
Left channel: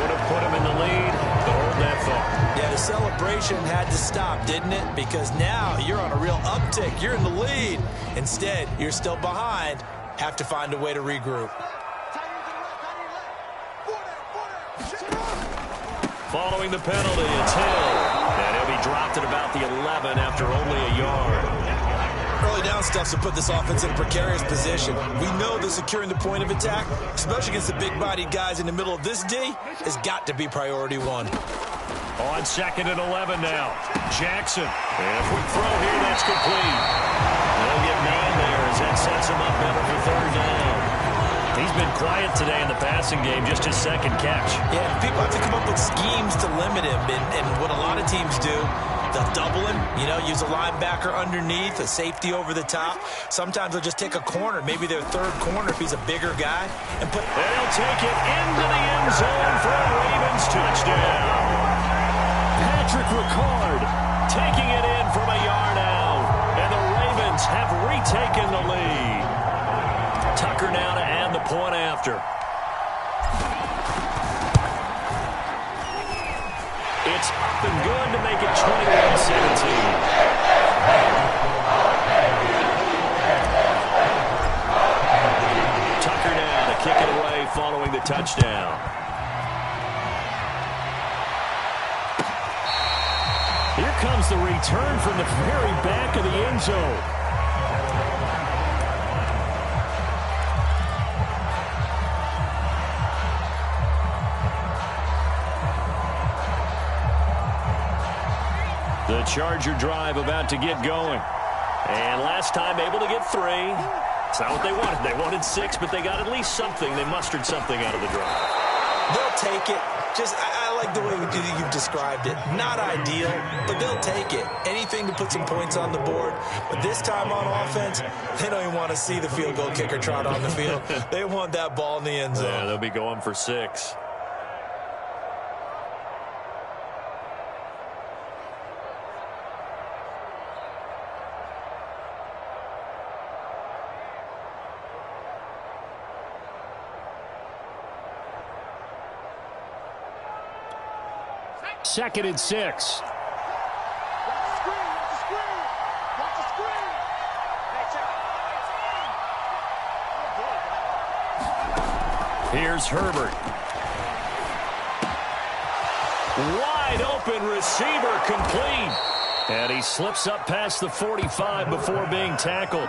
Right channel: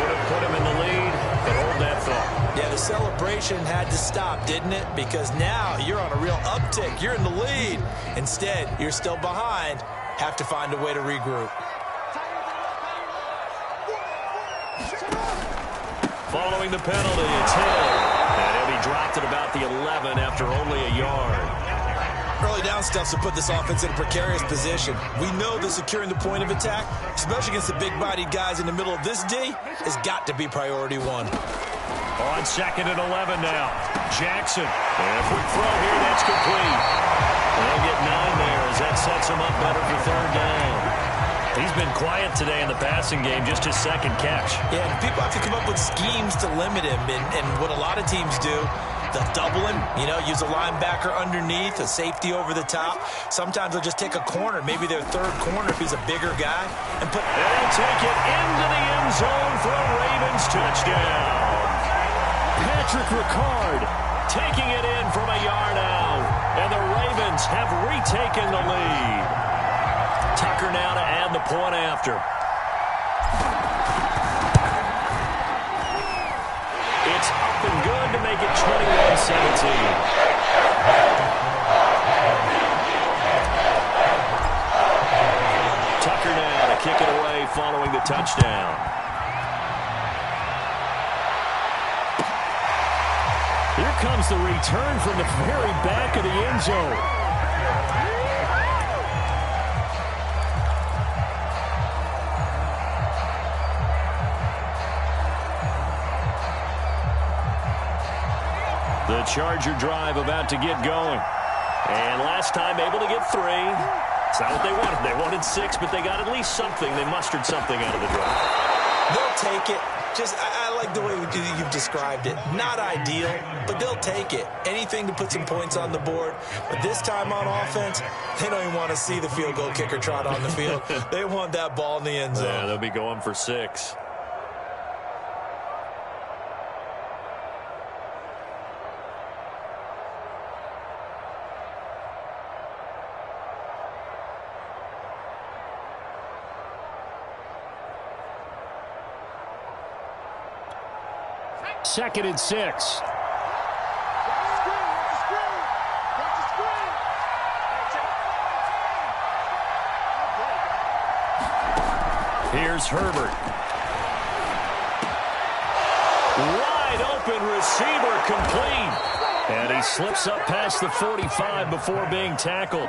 Would have put him in the lead, but hold that thought. Yeah, the celebration had to stop, didn't it? Because now you're on a real uptick. You're in the lead. Instead, you're still behind. Have to find a way to regroup. Following the penalty, it's Hill. And he'll be dropped at about the 11 after only a yard. Early down stuff to put this offense in a precarious position. We know that securing the point of attack, especially against the big-bodied guys in the middle of this D, has got to be priority 1. On 2nd and 11 now. Jackson. And a quick throw here, that's complete. They'll get 9 there as that sets him up better for 3rd down. He's been quiet today in the passing game, just his 2nd catch. Yeah, and people have to come up with schemes to limit him, and what a lot of teams do, they'll double him, use a linebacker underneath, a safety over the top. Sometimes they'll just take a corner, maybe their 3rd corner if he's a bigger guy, and put... They'll take it into the end zone for a Ravens touchdown. Patrick Ricard taking it in from a yard out, and the Ravens have retaken the lead. Tucker now to add the point after. It's up and good to make it 21-17. Tucker now to kick it away following the touchdown. Here comes the return from the very back of the end zone. The Charger drive about to get going. And last time able to get 3. It's not what they wanted. They wanted 6, but they got at least something. They mustered something out of the drive. They'll take it. I like the way you've described it. Not ideal, but they'll take it. Anything to put some points on the board. But this time on offense, they don't even want to see the field goal kicker trot on the field. They want that ball in the end zone. Yeah, they'll be going for 6. Second and 6. Here's Herbert. Wide open receiver complete. And he slips up past the 45 before being tackled.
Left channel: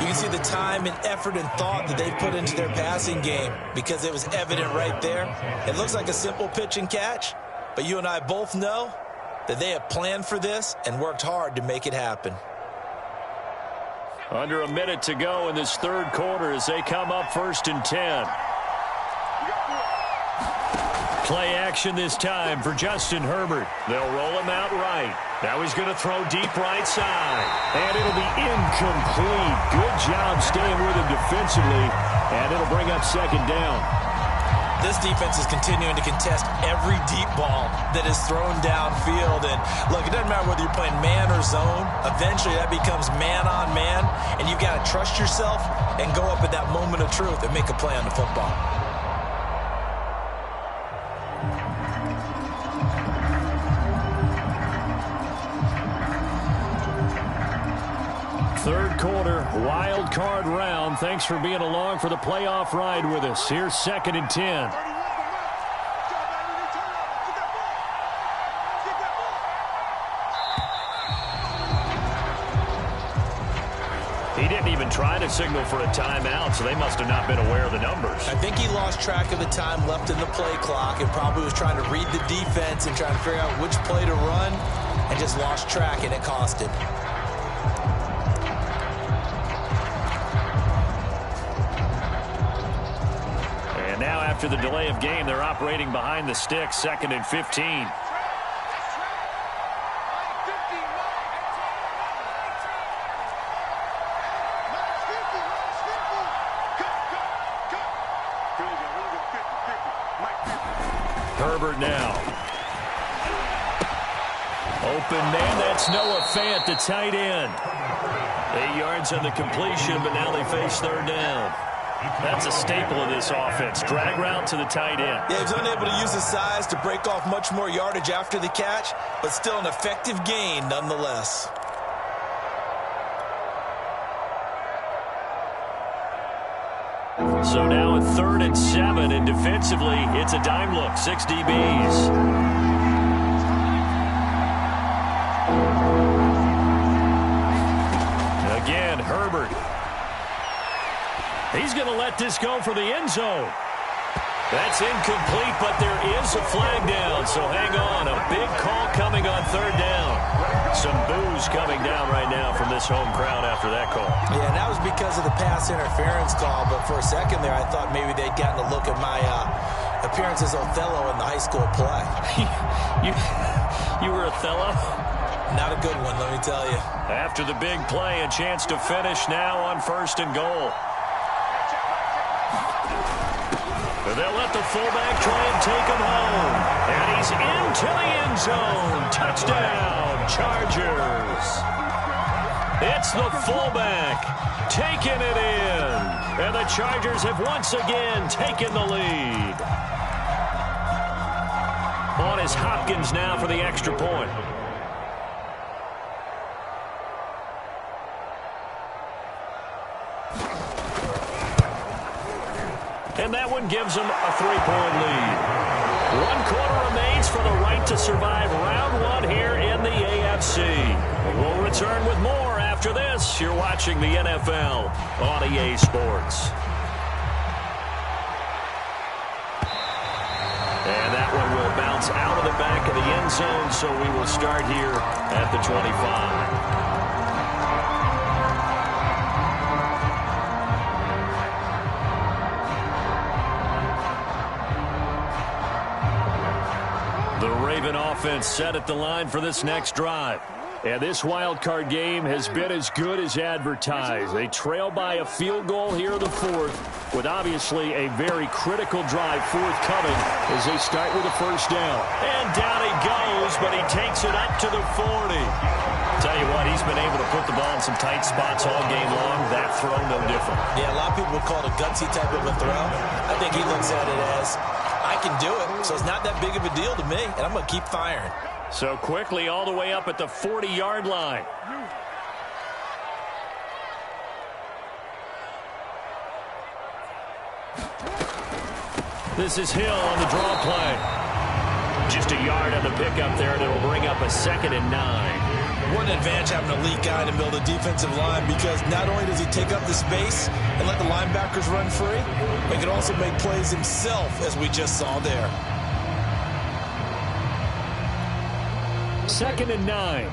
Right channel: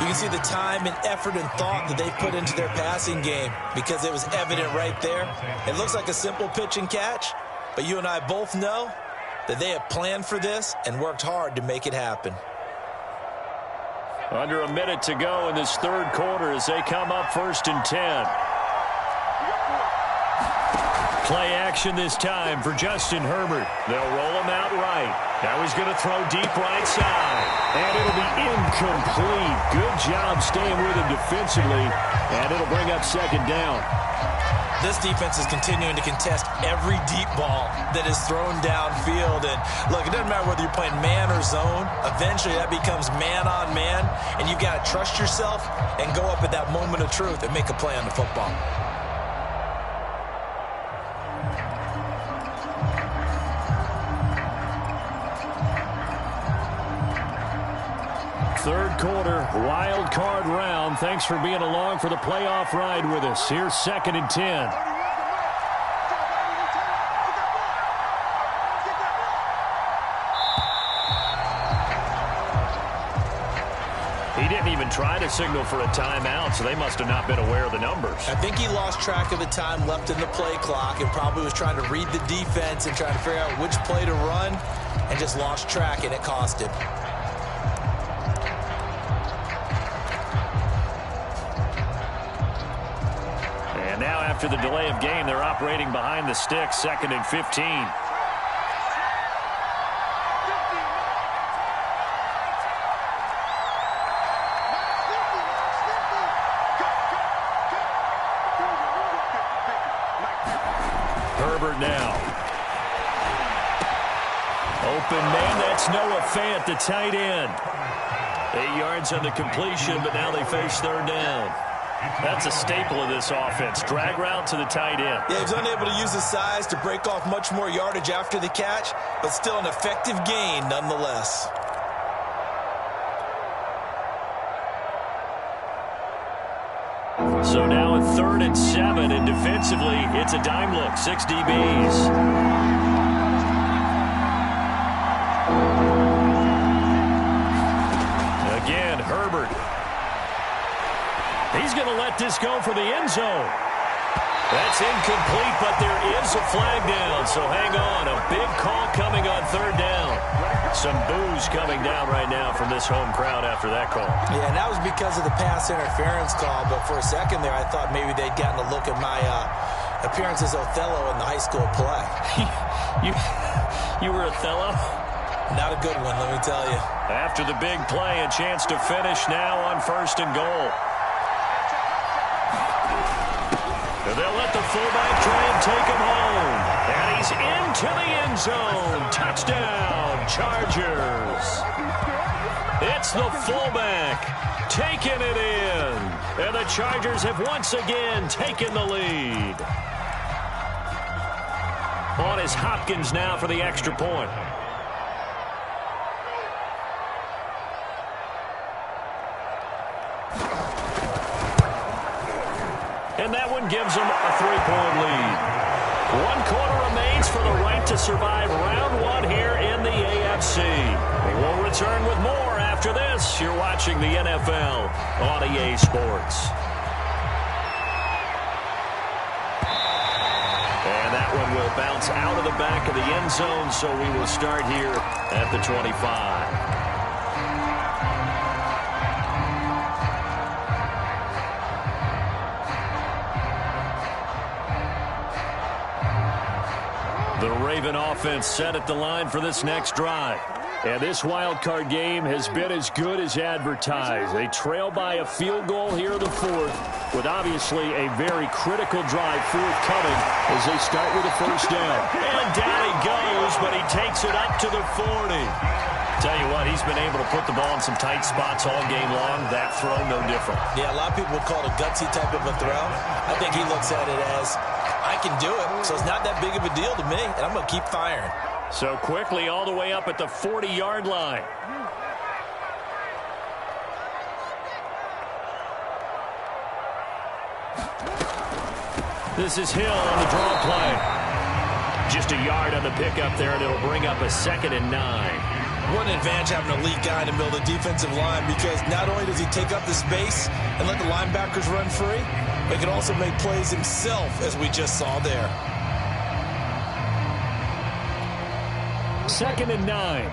You can see the time and effort and thought that they've put into their passing game because it was evident right there. It looks like a simple pitch and catch, but you and I both know that they have planned for this and worked hard to make it happen. Under a minute to go in this third quarter as they come up 1st and 10. Play action this time for Justin Herbert. They'll roll him out right. Now he's going to throw deep right side. And it'll be incomplete. Good job staying with him defensively. And it'll bring up 2nd down. This defense is continuing to contest every deep ball that is thrown downfield. And look, it doesn't matter whether you're playing man or zone. Eventually that becomes man on man. And you've got to trust yourself and go up at that moment of truth and make a play on the football. Third quarter, wild card round. Thanks for being along for the playoff ride with us. Here's 2nd and 10. He didn't even try to signal for a timeout, so they must have not been aware of the numbers. I think he lost track of the time left in the play clock and probably was trying to read the defense and trying to figure out which play to run and just lost track, and it cost him. And now after the delay of game, they're operating behind the sticks, 2nd and 15. Herbert now. Open man, that's Noah Fant, the tight end. 8 yards on the completion, but now they face 3rd down. That's a staple of this offense. Drag route to the tight end. Yeah, he was unable to use his size to break off much more yardage after the catch, but still an effective gain nonetheless. So now a 3rd and 7, and defensively, it's a dime look. 6 DBs. Again, Herbert. He's going to let this go for the end zone. That's incomplete, but there is a flag down, so hang on. A big call coming on 3rd down. Some boos coming down right now from this home crowd after that call. Yeah, and that was because of the pass interference call, but for a second there I thought maybe they'd gotten a look at my appearance as Othello in the high school play. You were Othello? Not a good one, let me tell you. After the big play, a chance to finish now on 1st and goal. They'll let the fullback try and take him home. And he's into the end zone. Touchdown, Chargers. It's the fullback taking it in. And the Chargers have once again taken the lead. On is Hopkins now for the extra point. And that one gives them a 3-point lead. 1 quarter remains for the right to survive round 1 here in the AFC. We'll return with more after this. You're watching the NFL on EA Sports. And that one will bounce out of the back of the end zone, so we will start here at the 25. The Raven offense set at the line for this next drive. And this wild card game has been as good as advertised. They trail by a field goal here in the 4th, with obviously a very critical drive forthcoming as they start with a first down. And down he goes, but he takes it up to the 40. Tell you what, he's been able to put the ball in some tight spots all game long. That throw, no different. Yeah, a lot of people would call it a gutsy type of a throw. I think he looks at it as, I can do it, so it's not that big of a deal to me, and I'm going to keep firing. So quickly all the way up at the 40-yard line. This is Hill on the draw play. Just a yard on the pickup there, and it'll bring up a 2nd and 9. What an advantage having an elite guy in the middle of the defensive line, because not only does he take up the space and let the linebackers run free, but he can also make plays himself, as we just saw there. 2nd and 9.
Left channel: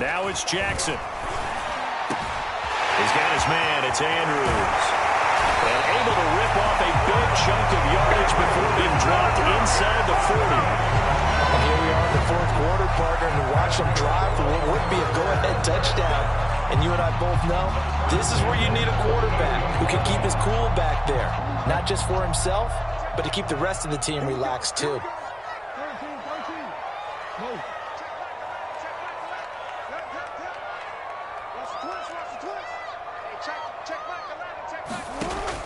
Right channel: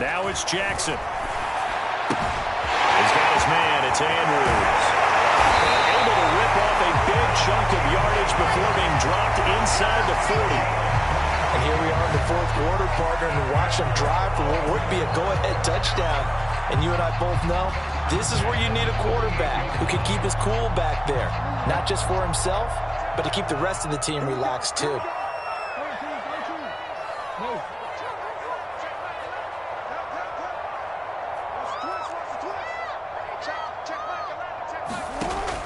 Now it's Jackson. He's got his man. It's Andrews. And able to rip off a big chunk of yardage before being dropped inside the 40. And here we are in the 4th quarter, partner, and watch them drive for what would be a go-ahead touchdown. And you and I both know this is where you need a quarterback who can keep his cool back there. Not just for himself, but to keep the rest of the team relaxed too.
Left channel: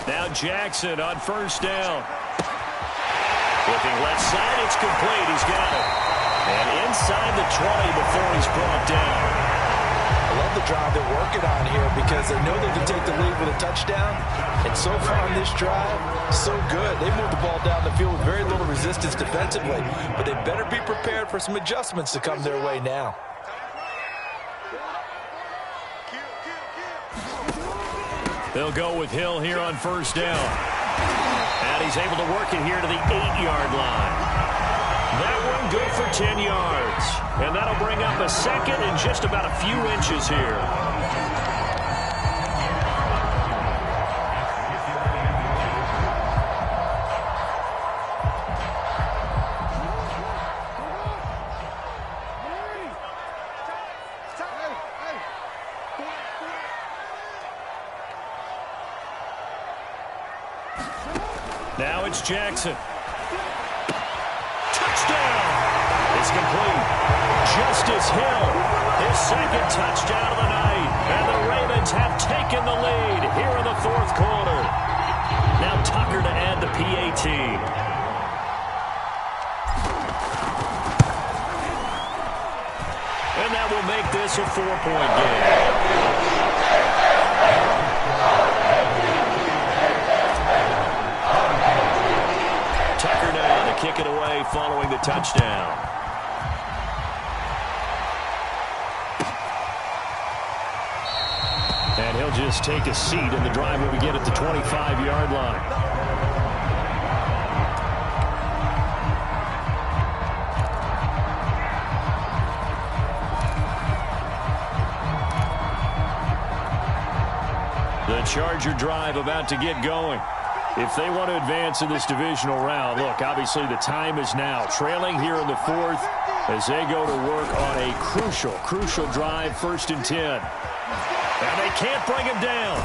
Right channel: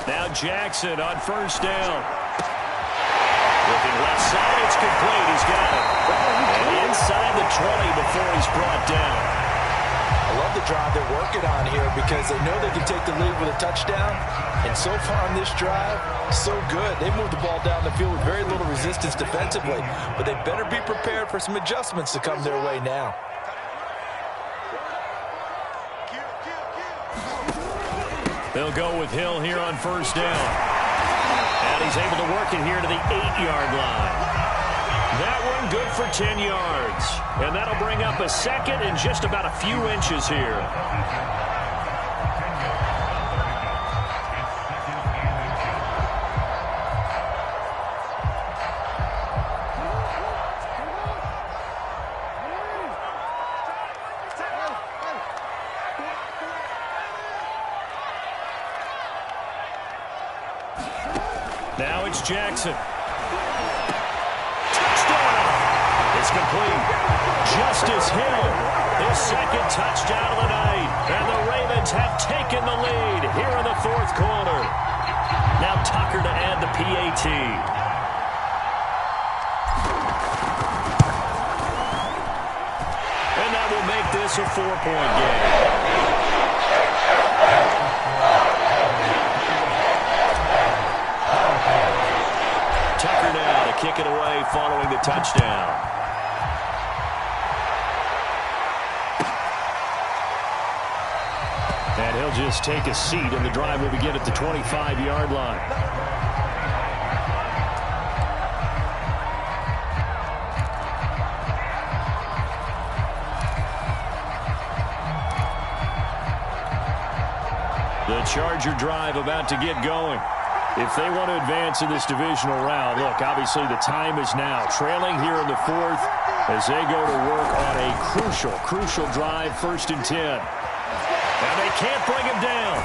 Now Jackson on first down. Looking left side, it's complete. He's got it. And inside the 20 before he's brought down. I love the drive they're working on here because they know they can take the lead with a touchdown. And so far on this drive, so good. They moved the ball down the field with very little resistance defensively. But they better be prepared for some adjustments to come their way now. They'll go with Hill here on first down. And he's able to work it here to the 8-yard line. That one good for 10 yards. And that'll bring up a 2nd and just about a few inches here. Now it's Jackson. Touchdown! It's complete. Justice Hill, his 2nd touchdown of the night. And the Ravens have taken the lead here in the 4th quarter. Now Tucker to add the PAT. And that will make this a 4-point game. Tucker now to kick it away following the touchdown. And he'll just take a seat, and the drive will begin at the 25-yard line. The Charger drive about to get going. If they want to advance in this divisional round, look, obviously the time is now. Trailing here in the 4th as they go to work on a crucial drive, 1st and 10. And they can't bring him down.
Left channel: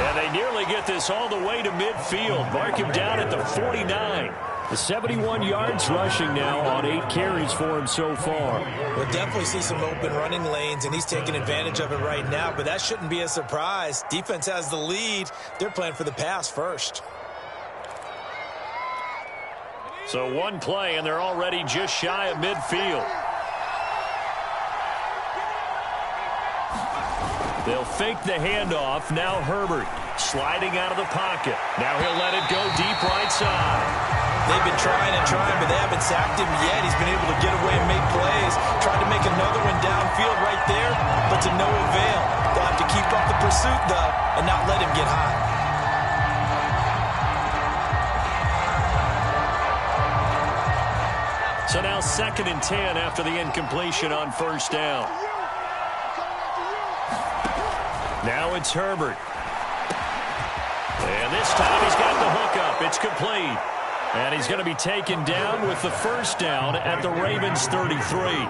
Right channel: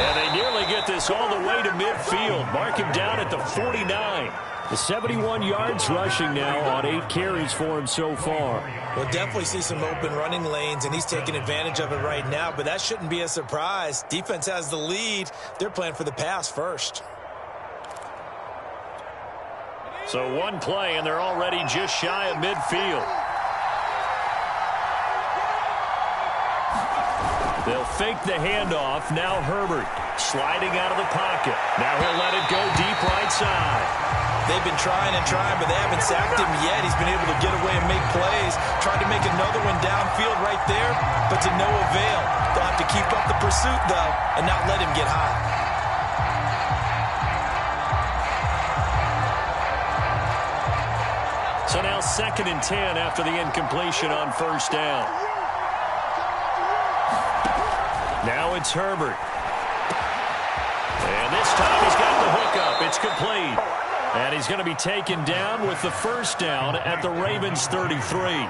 And they nearly get this all the way to midfield. Mark him down at the 49. The 71 yards rushing now on 8 carries for him so far. We'll definitely see some open running lanes, and he's taking advantage of it right now, but that shouldn't be a surprise. Defense has the lead. They're playing for the pass first. So one play, and they're already just shy of midfield. They'll fake the handoff. Now Herbert sliding out of the pocket. Now he'll let it go deep right side. They've been trying and trying, but they haven't sacked him yet. He's been able to get away and make plays. Tried to make another one downfield right there, but to no avail. They'll have to keep up the pursuit, though, and not let him get hot. So now 2nd and 10 after the incompletion on first down. Now it's Herbert. And this time he's got the hookup. It's complete. And he's going to be taken down with the first down at the Ravens 33.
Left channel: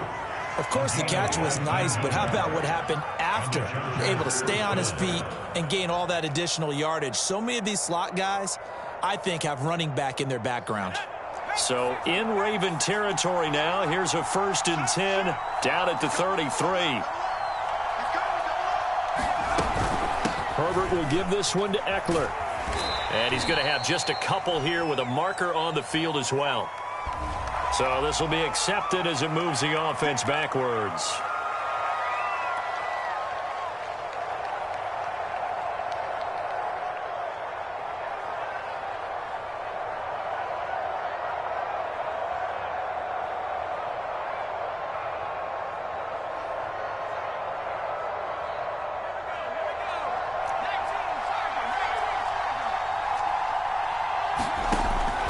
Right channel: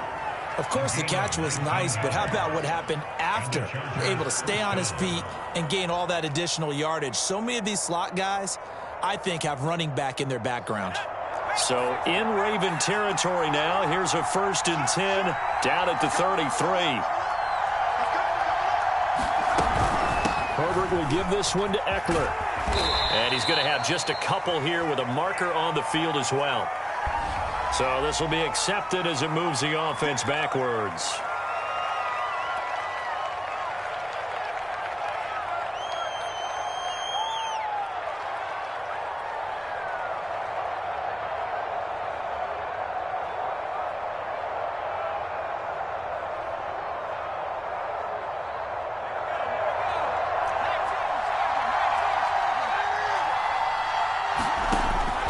Of course, the catch was nice, but how about what happened after? Able to stay on his feet and gain all that additional yardage. So many of these slot guys, I think, have running back in their background. So in Raven territory now. Here's a 1st and 10 down at the 33. Herbert will give this one to Eckler. And he's going to have just a couple here with a marker on the field as well. So this will be accepted as it moves the offense backwards.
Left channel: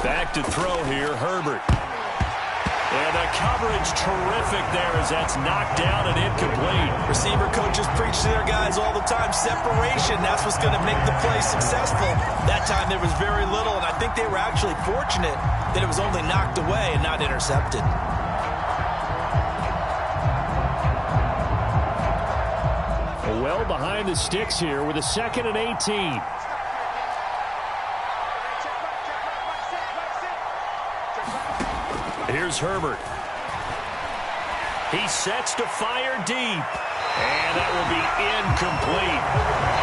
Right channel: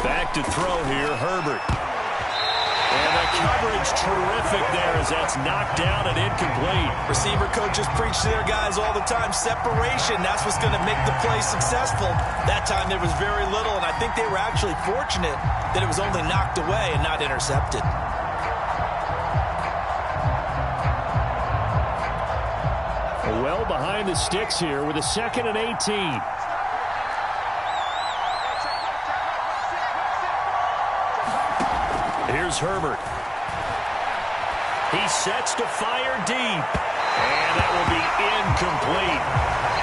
Back to throw here, Herbert. And the coverage terrific there as that's knocked down and incomplete. Receiver coaches preach to their guys all the time. Separation, that's what's going to make the play successful. That time there was very little, and I think they were actually fortunate that it was only knocked away and not intercepted. Well behind the sticks here with a 2nd and 18. Here's Herbert. He sets to fire deep. And that will be incomplete.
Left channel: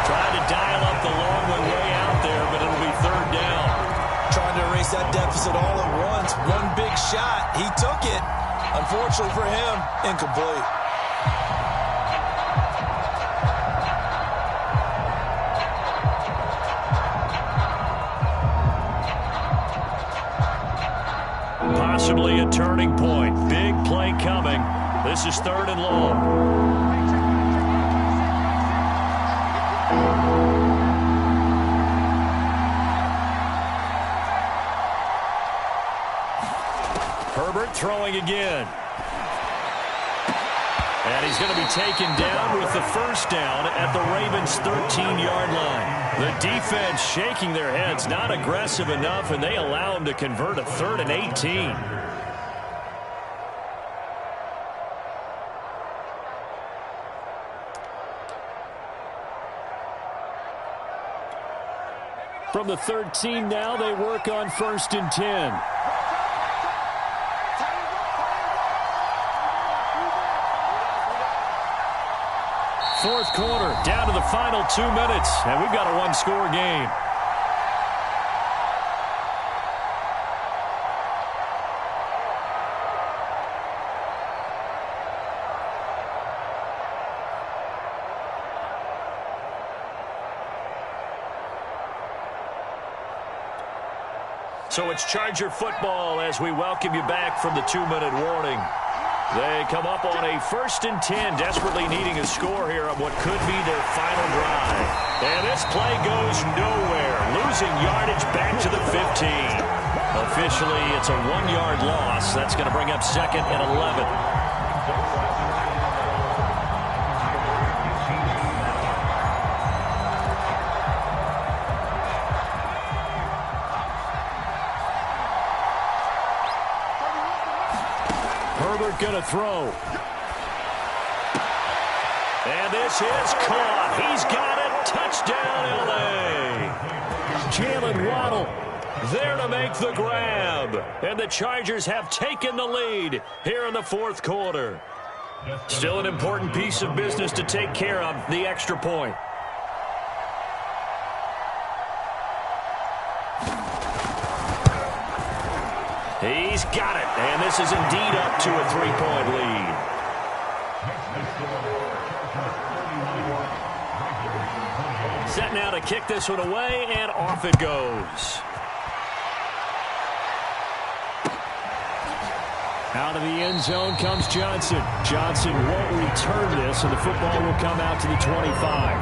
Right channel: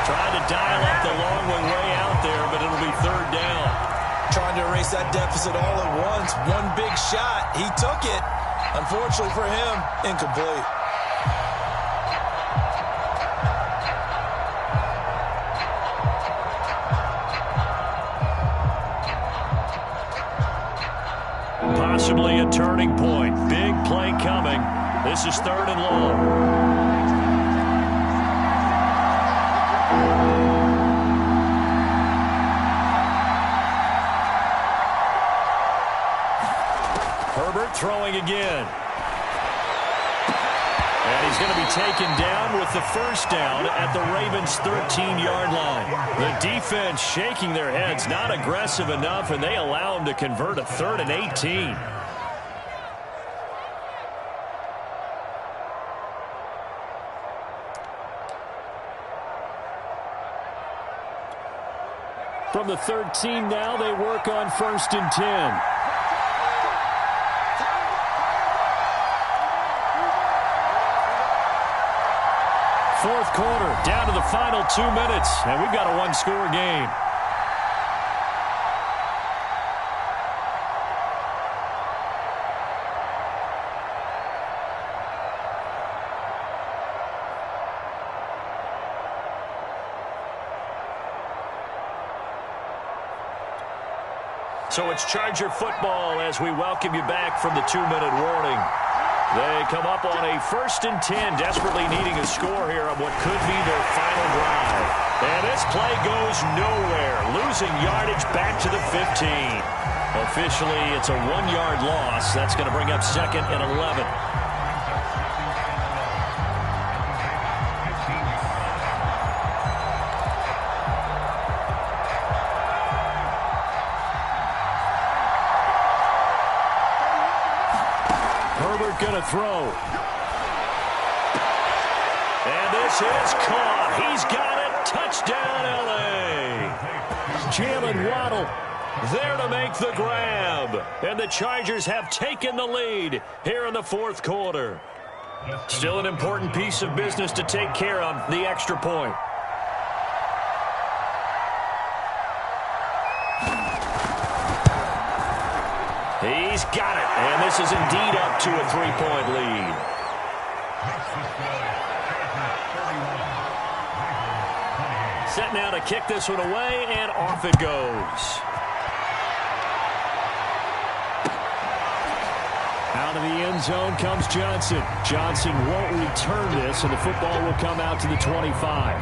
Trying to dial up the long way out there, but it'll be 3rd down. Trying to erase that deficit all at once. One big shot. He took it. Unfortunately for him, incomplete. Possibly a turning point. Big play coming. This is 3rd and long. Herbert throwing again. And he's going to be taken down with the first down at the Ravens' 13-yard line. The defense shaking their heads, not aggressive enough, and they allow him to convert a 3rd and 18. From the 13 now, they work on 1st and 10. Fourth quarter, down to the final 2 minutes, and we've got a one-score game. So it's Charger football as we welcome you back from the 2-minute warning. They come up on a 1st and 10, desperately needing a score here on what could be their final drive. And this play goes nowhere, losing yardage back to the 15. Officially, it's a 1-yard loss. That's going to bring up 2nd and 11. Herbert going to throw. And this is caught. He's got it. Touchdown, L.A. Jalen Waddle there to make the grab. And the Chargers have taken the lead here in the fourth quarter. Still an important piece of business to take care of, the extra point. He's got it, and this is indeed up to a 3-point lead. Set now to kick this one away, and off it goes. Out of the end zone comes Johnson. Johnson won't return this, and the football will come out to the 25.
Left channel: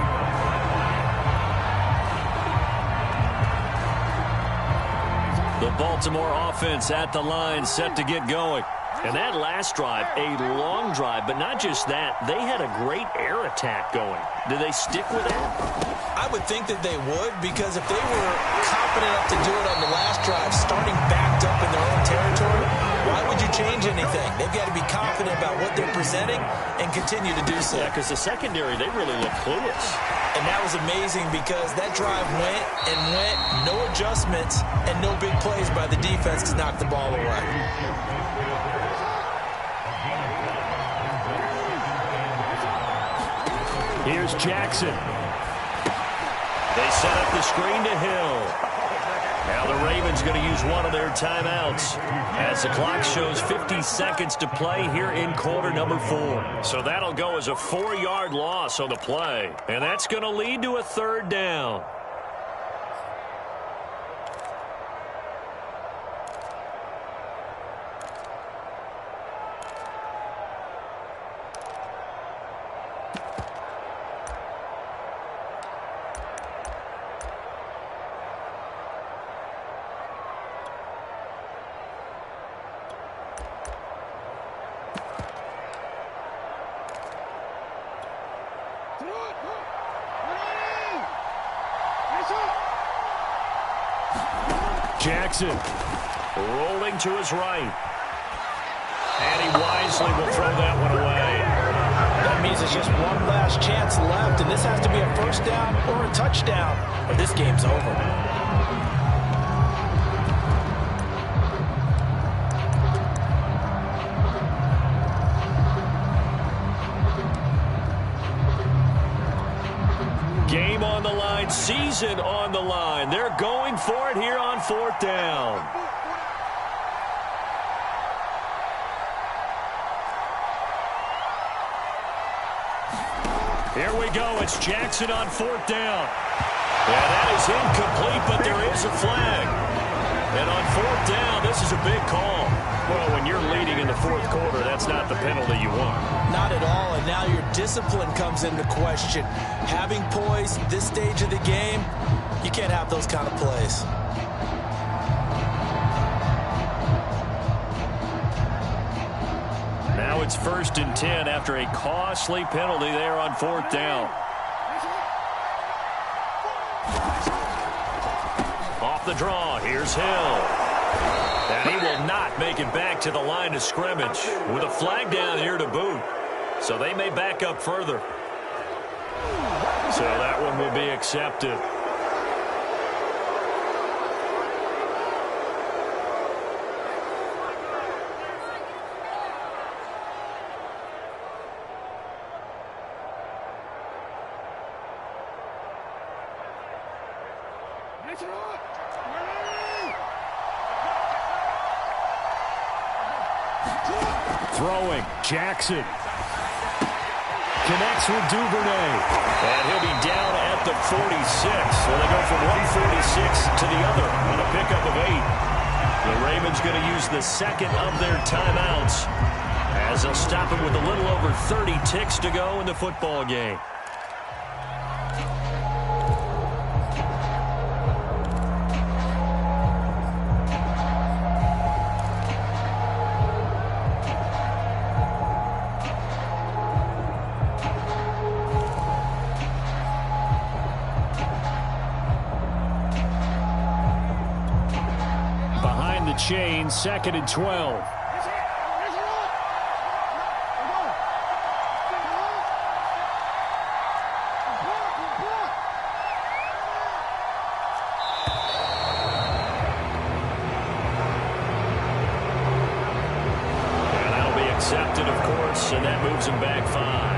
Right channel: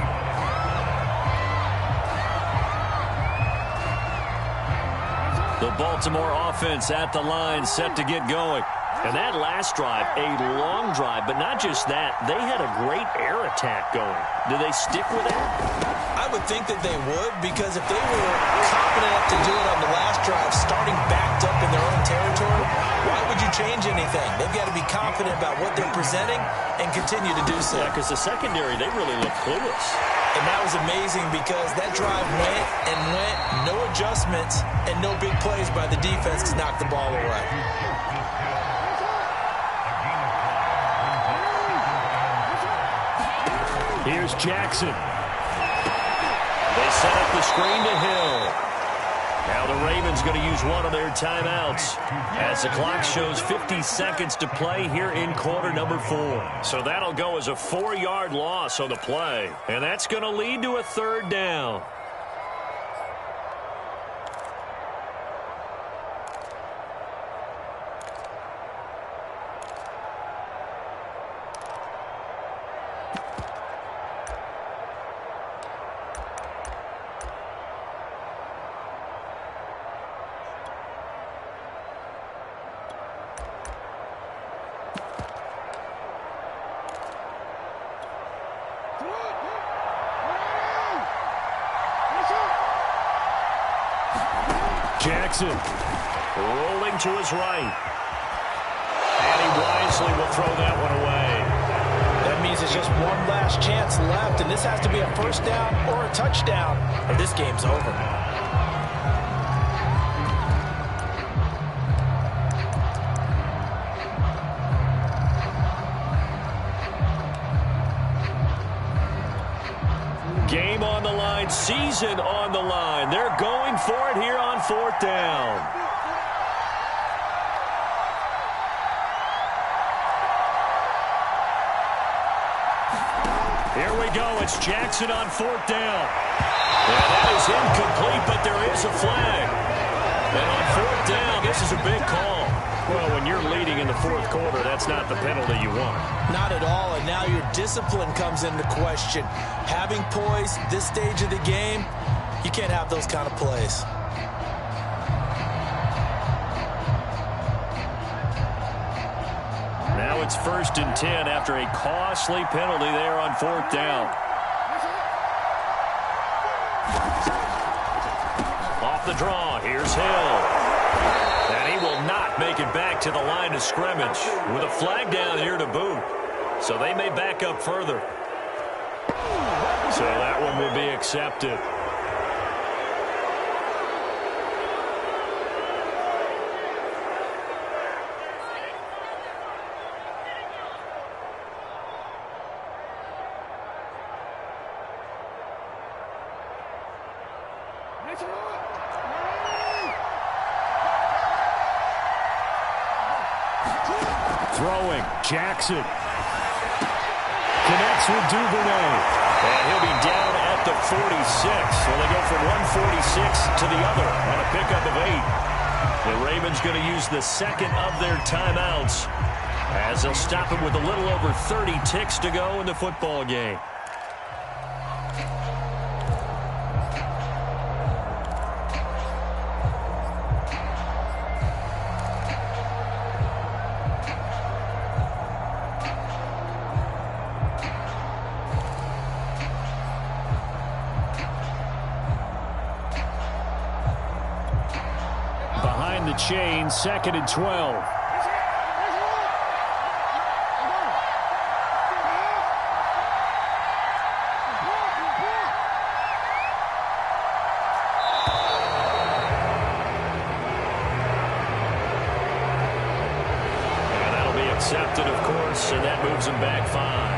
The Baltimore offense at the line, set to get going. And that last drive, a long drive, but not just that. They had a great air attack going. Do they stick with that? I would think that they would, because if they were confident enough to do it on the last drive, starting backed up in their own territory, why would you change anything? They've got to be confident about what they're presenting and continue to do so. Yeah, because the secondary, they really look clueless. And that was amazing because that drive went and went, no adjustments, and no big plays by the defense to knock the ball away. Here's Jackson. They set up the screen to Hill. Now the Ravens going to use one of their timeouts as the clock shows 50 seconds to play here in quarter number 4. So that'll go as a 4-yard loss on the play. And that's going to lead to a 3rd down. Jackson rolling to his right. And he wisely will throw that one away. That means it's just one last chance left, and this has to be a 1st down or a touchdown, or this game's over. Game on the line, season on the line. They're going for it here on 4th down. Here we go. It's Jackson on 4th down. Yeah, that is incomplete, but there is a flag. And on 4th down, this is a big call. Well, when you're leading in the 4th quarter, that's not the penalty you want. Not at all, and now your discipline comes into question. Having poise this stage of the game, you can't have those kind of plays. Now it's 1st and 10 after a costly penalty there on 4th down. Off the draw, here's Hill. And he will not make it back to the line of scrimmage with a flag down here to boot. So they may back up further. So that one will be accepted. Throwing, Jackson. Connects with Duvernay. And he'll be down at the 46. So they go from 146 to the other on a pickup of 8. The Ravens going to use the 2nd of their timeouts as they'll stop it with a little over 30 ticks to go in the football game. The chain, 2nd and 12. And that'll be accepted, of course, and that moves him back 5.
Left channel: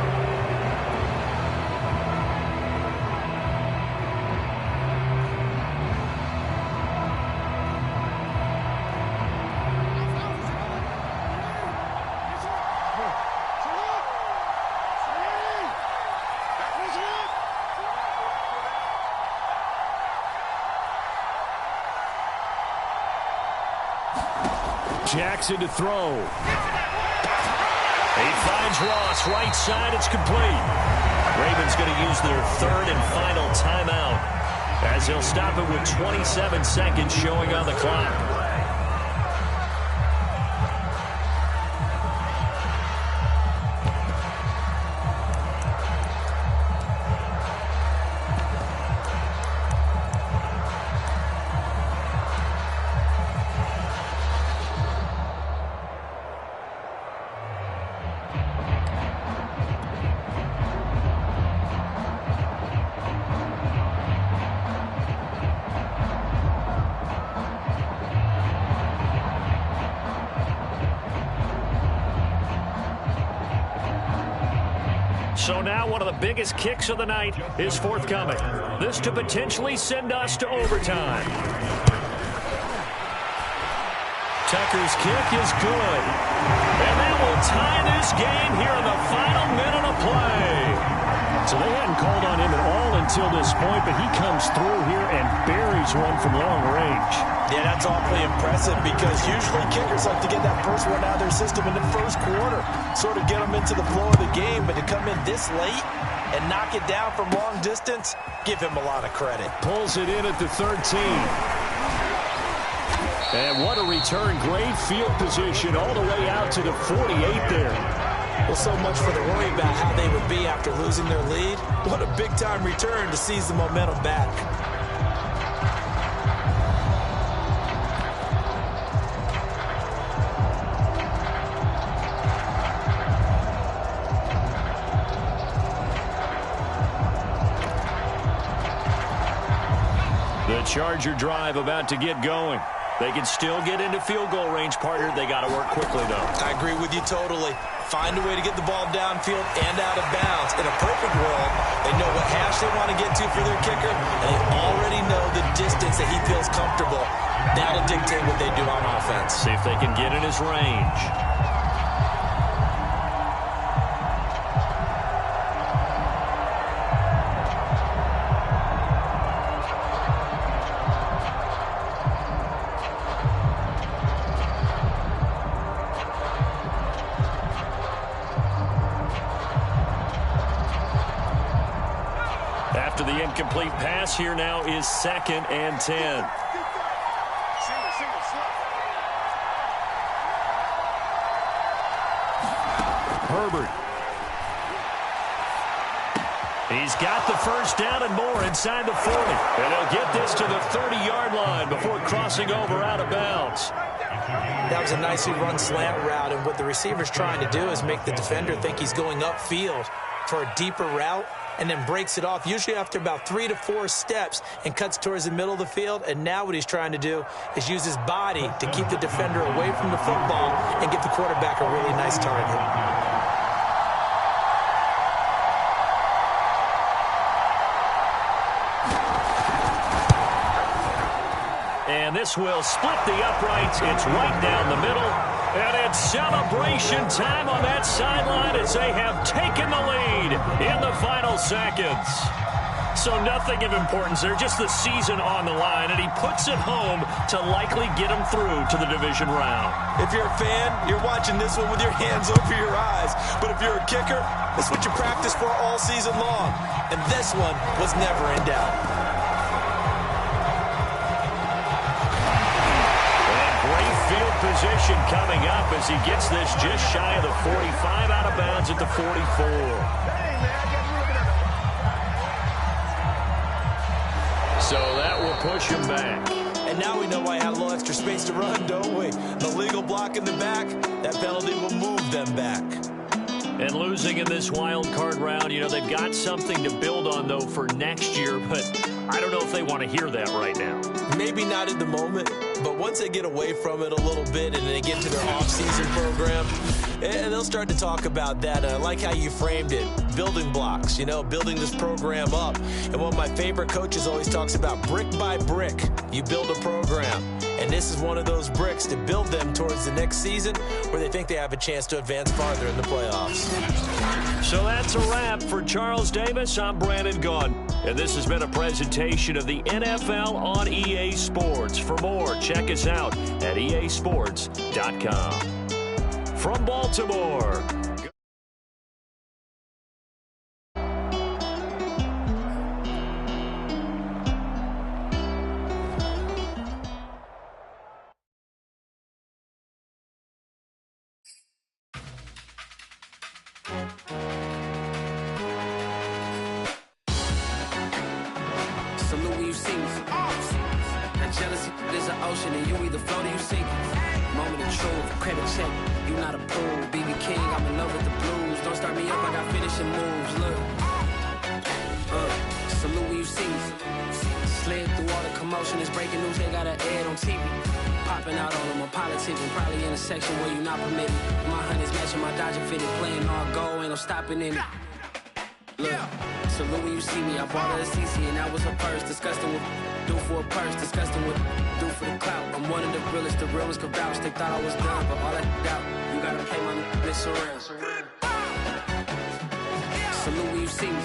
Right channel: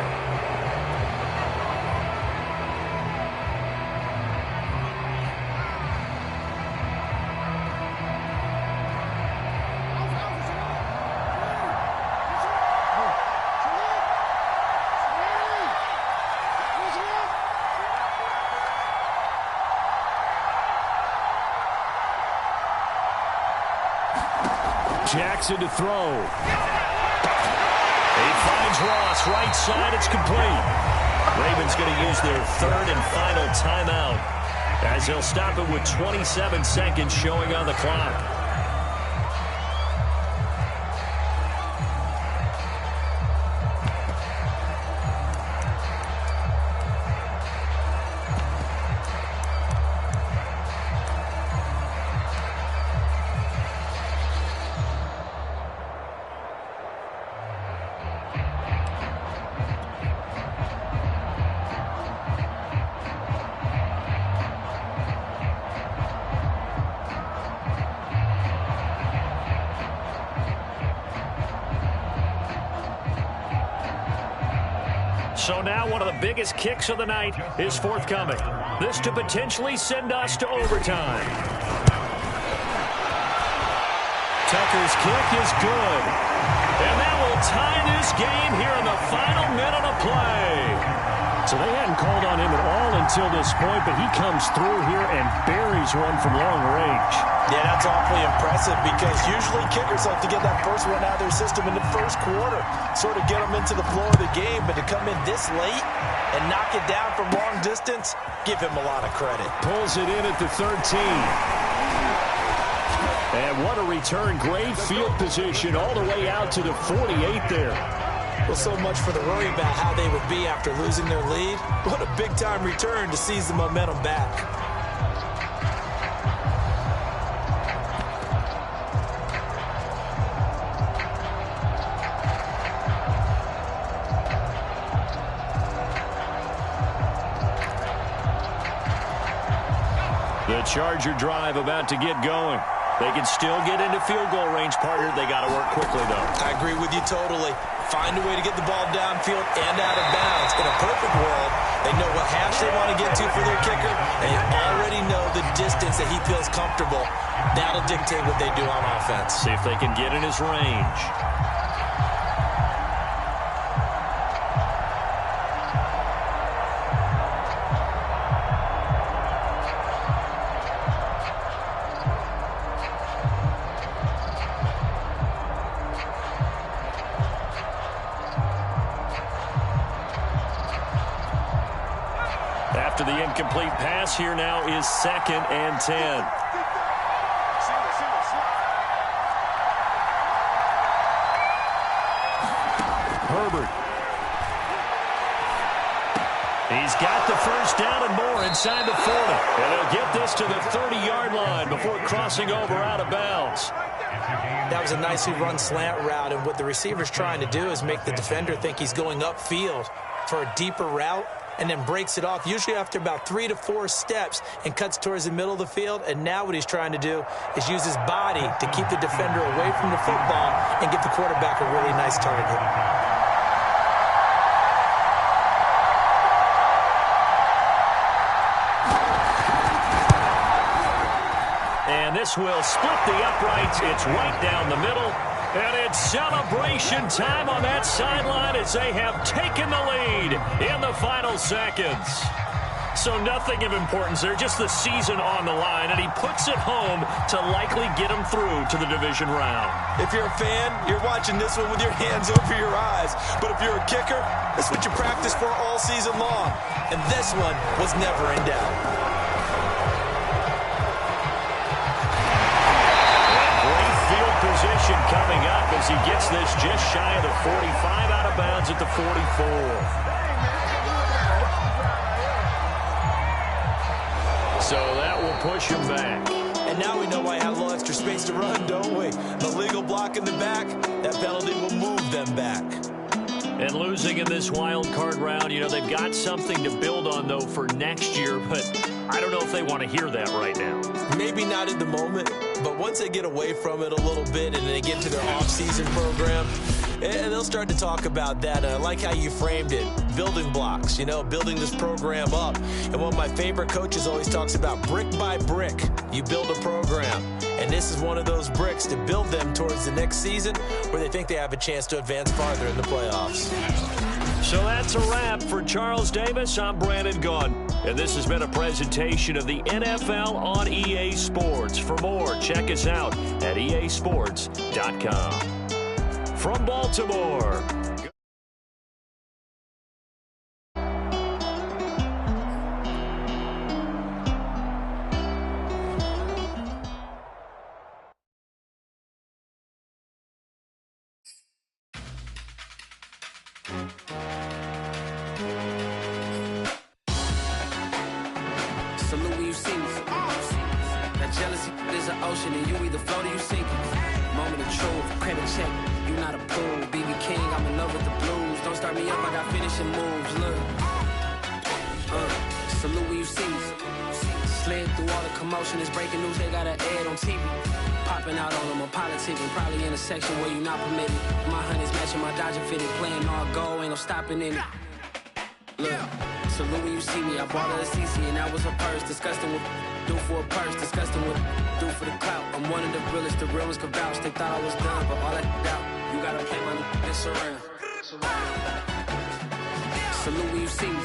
Jackson to throw. He finds Ross, right side, it's complete. Ravens going to use their third and final timeout as they'll stop it with 27 seconds showing on the clock. So now one of the biggest kicks of the night is forthcoming. This to potentially send us to overtime. Tucker's kick is good. And that will tie this game here in the final minute of play. So they hadn't called on him at all until this point, but he comes through here and buries one from long range. Yeah, that's awfully impressive because usually kickers like to get that first one out of their system in the first quarter, sort of get them into the flow of the game, but to come in this late and knock it down from long distance, give him a lot of credit. Pulls it in at the 13. And what a return. Great field position all the way out to the 48 there. Well, so much for the worry about how they would be after losing their lead. What a big-time return to seize the momentum back. The Charger drive about to get going. They can still get into field goal range, partner. They got to work quickly, though. I agree with you totally. Find a way to get the ball downfield and out of bounds. In a perfect world, they know what hash they want to get to for their kicker, and they already know the distance that he feels comfortable. That'll dictate what they do on offense. See if they can get in his range. After the incomplete pass, here now is 2nd and 10. Herbert. He's got the first down and more inside the 40. And they'll get this to the 30-yard line before crossing over out of bounds. That was a nicely run slant route, and what the receiver's trying to do is make the defender think he's going upfield for a deeper route, and then breaks it off, usually after about 3 to 4 steps, and cuts towards the middle of the field. And now what he's trying to do is use his body to keep the defender away from the football and give the quarterback a really nice target. And this will split the uprights. It's right down the middle. And it's celebration time on that sideline as they have taken the lead in the final seconds. So nothing of importance there, just the season on the line, and he puts it home to likely get him through to the division round. If you're a fan, you're watching this one with your hands over your eyes. But if you're a kicker, that's what you practice for all season long. And this one was never in doubt. Field position coming up as he gets this just shy of the 45, out of bounds at the 44. So that will push him back. And now we know why I had a little extra space to run, don't we? The legal block in the back, that penalty will move them back. And losing in this wild card round, you know, they've got something to build on, though, for next year, but I don't know if they want to hear that right now. Maybe not in the moment, but once they get away from it a little bit and they get to their off-season program, and they'll start to talk about that. I like how you framed it, building blocks, you know, building this program up. And one of my favorite coaches always talks about brick by brick, you build a program. And this is one of those bricks to build them towards the next season where they think they have a chance to advance farther in the playoffs. So that's a wrap for Charles Davis. I'm Brandon Gunn. And this has been a presentation of the NFL on EA Sports. For more, check us out at easports.com. From Baltimore. Salute when you see me. That jealousy is an ocean, and you either float or you sink. Moment of truth, credit check, you not approved. BB King, I'm in love with the blues. Don't start me up, I got finishing moves. Look, salute when you see me. Slid through all the commotion, it's breaking news, they got an ad on TV. Popping out on them, I'm politicking, probably in a section where you not permitted. My honey's matching my Dodger fitted, playing all go, ain't no stopping in it. Look, salute when you see me. I bought her a CC and that was her purse. Disgusting with do for a purse. Disgusting with do for the clout. I'm one of the realest. The real ones could vouch. They thought I was done, but all I doubt. You gotta play my next around. Salute when you see me.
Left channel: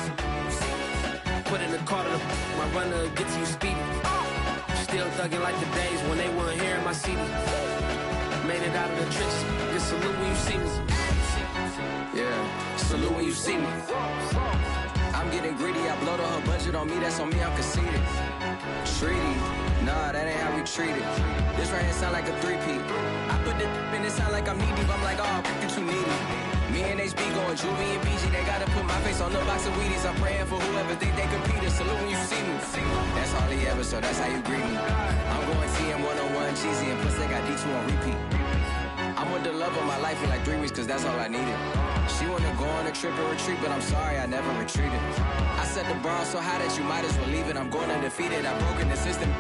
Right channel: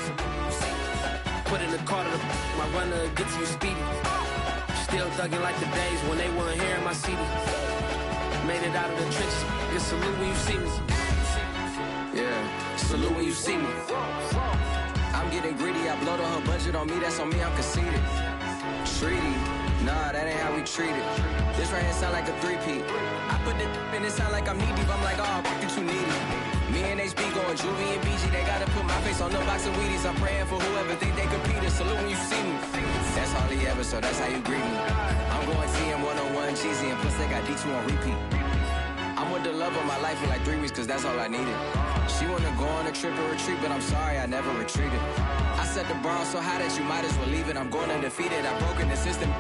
Put in the car to my runner gets you speedy. Still thugging like the days when they weren't here in my CD. Made it out of the trenches. Just salute when you see me. Yeah, salute when you see me. I'm getting greedy, I blow to her budget on me, that's on me, I'm conceited. Treaty, nah, that ain't how we treat it. This right here sound like a three-peat. I put the in it sound like I'm knee-deep, I'm like, oh, you too needy. Me and HB going Juvie and BG, they gotta put my face on the box of Wheaties. I'm praying for whoever think they compete. Salute when you see me. That's all he ever, so that's how you greet me. I'm going TM 101 cheesy, and plus they got D2 on repeat. I'm with the love of my life for like 3 weeks, cause that's all I needed. She wanna go on a trip and retreat, but I'm sorry, I never retreated. I set the bar so high that you might as well leave it. I'm going undefeated, I've broken the system.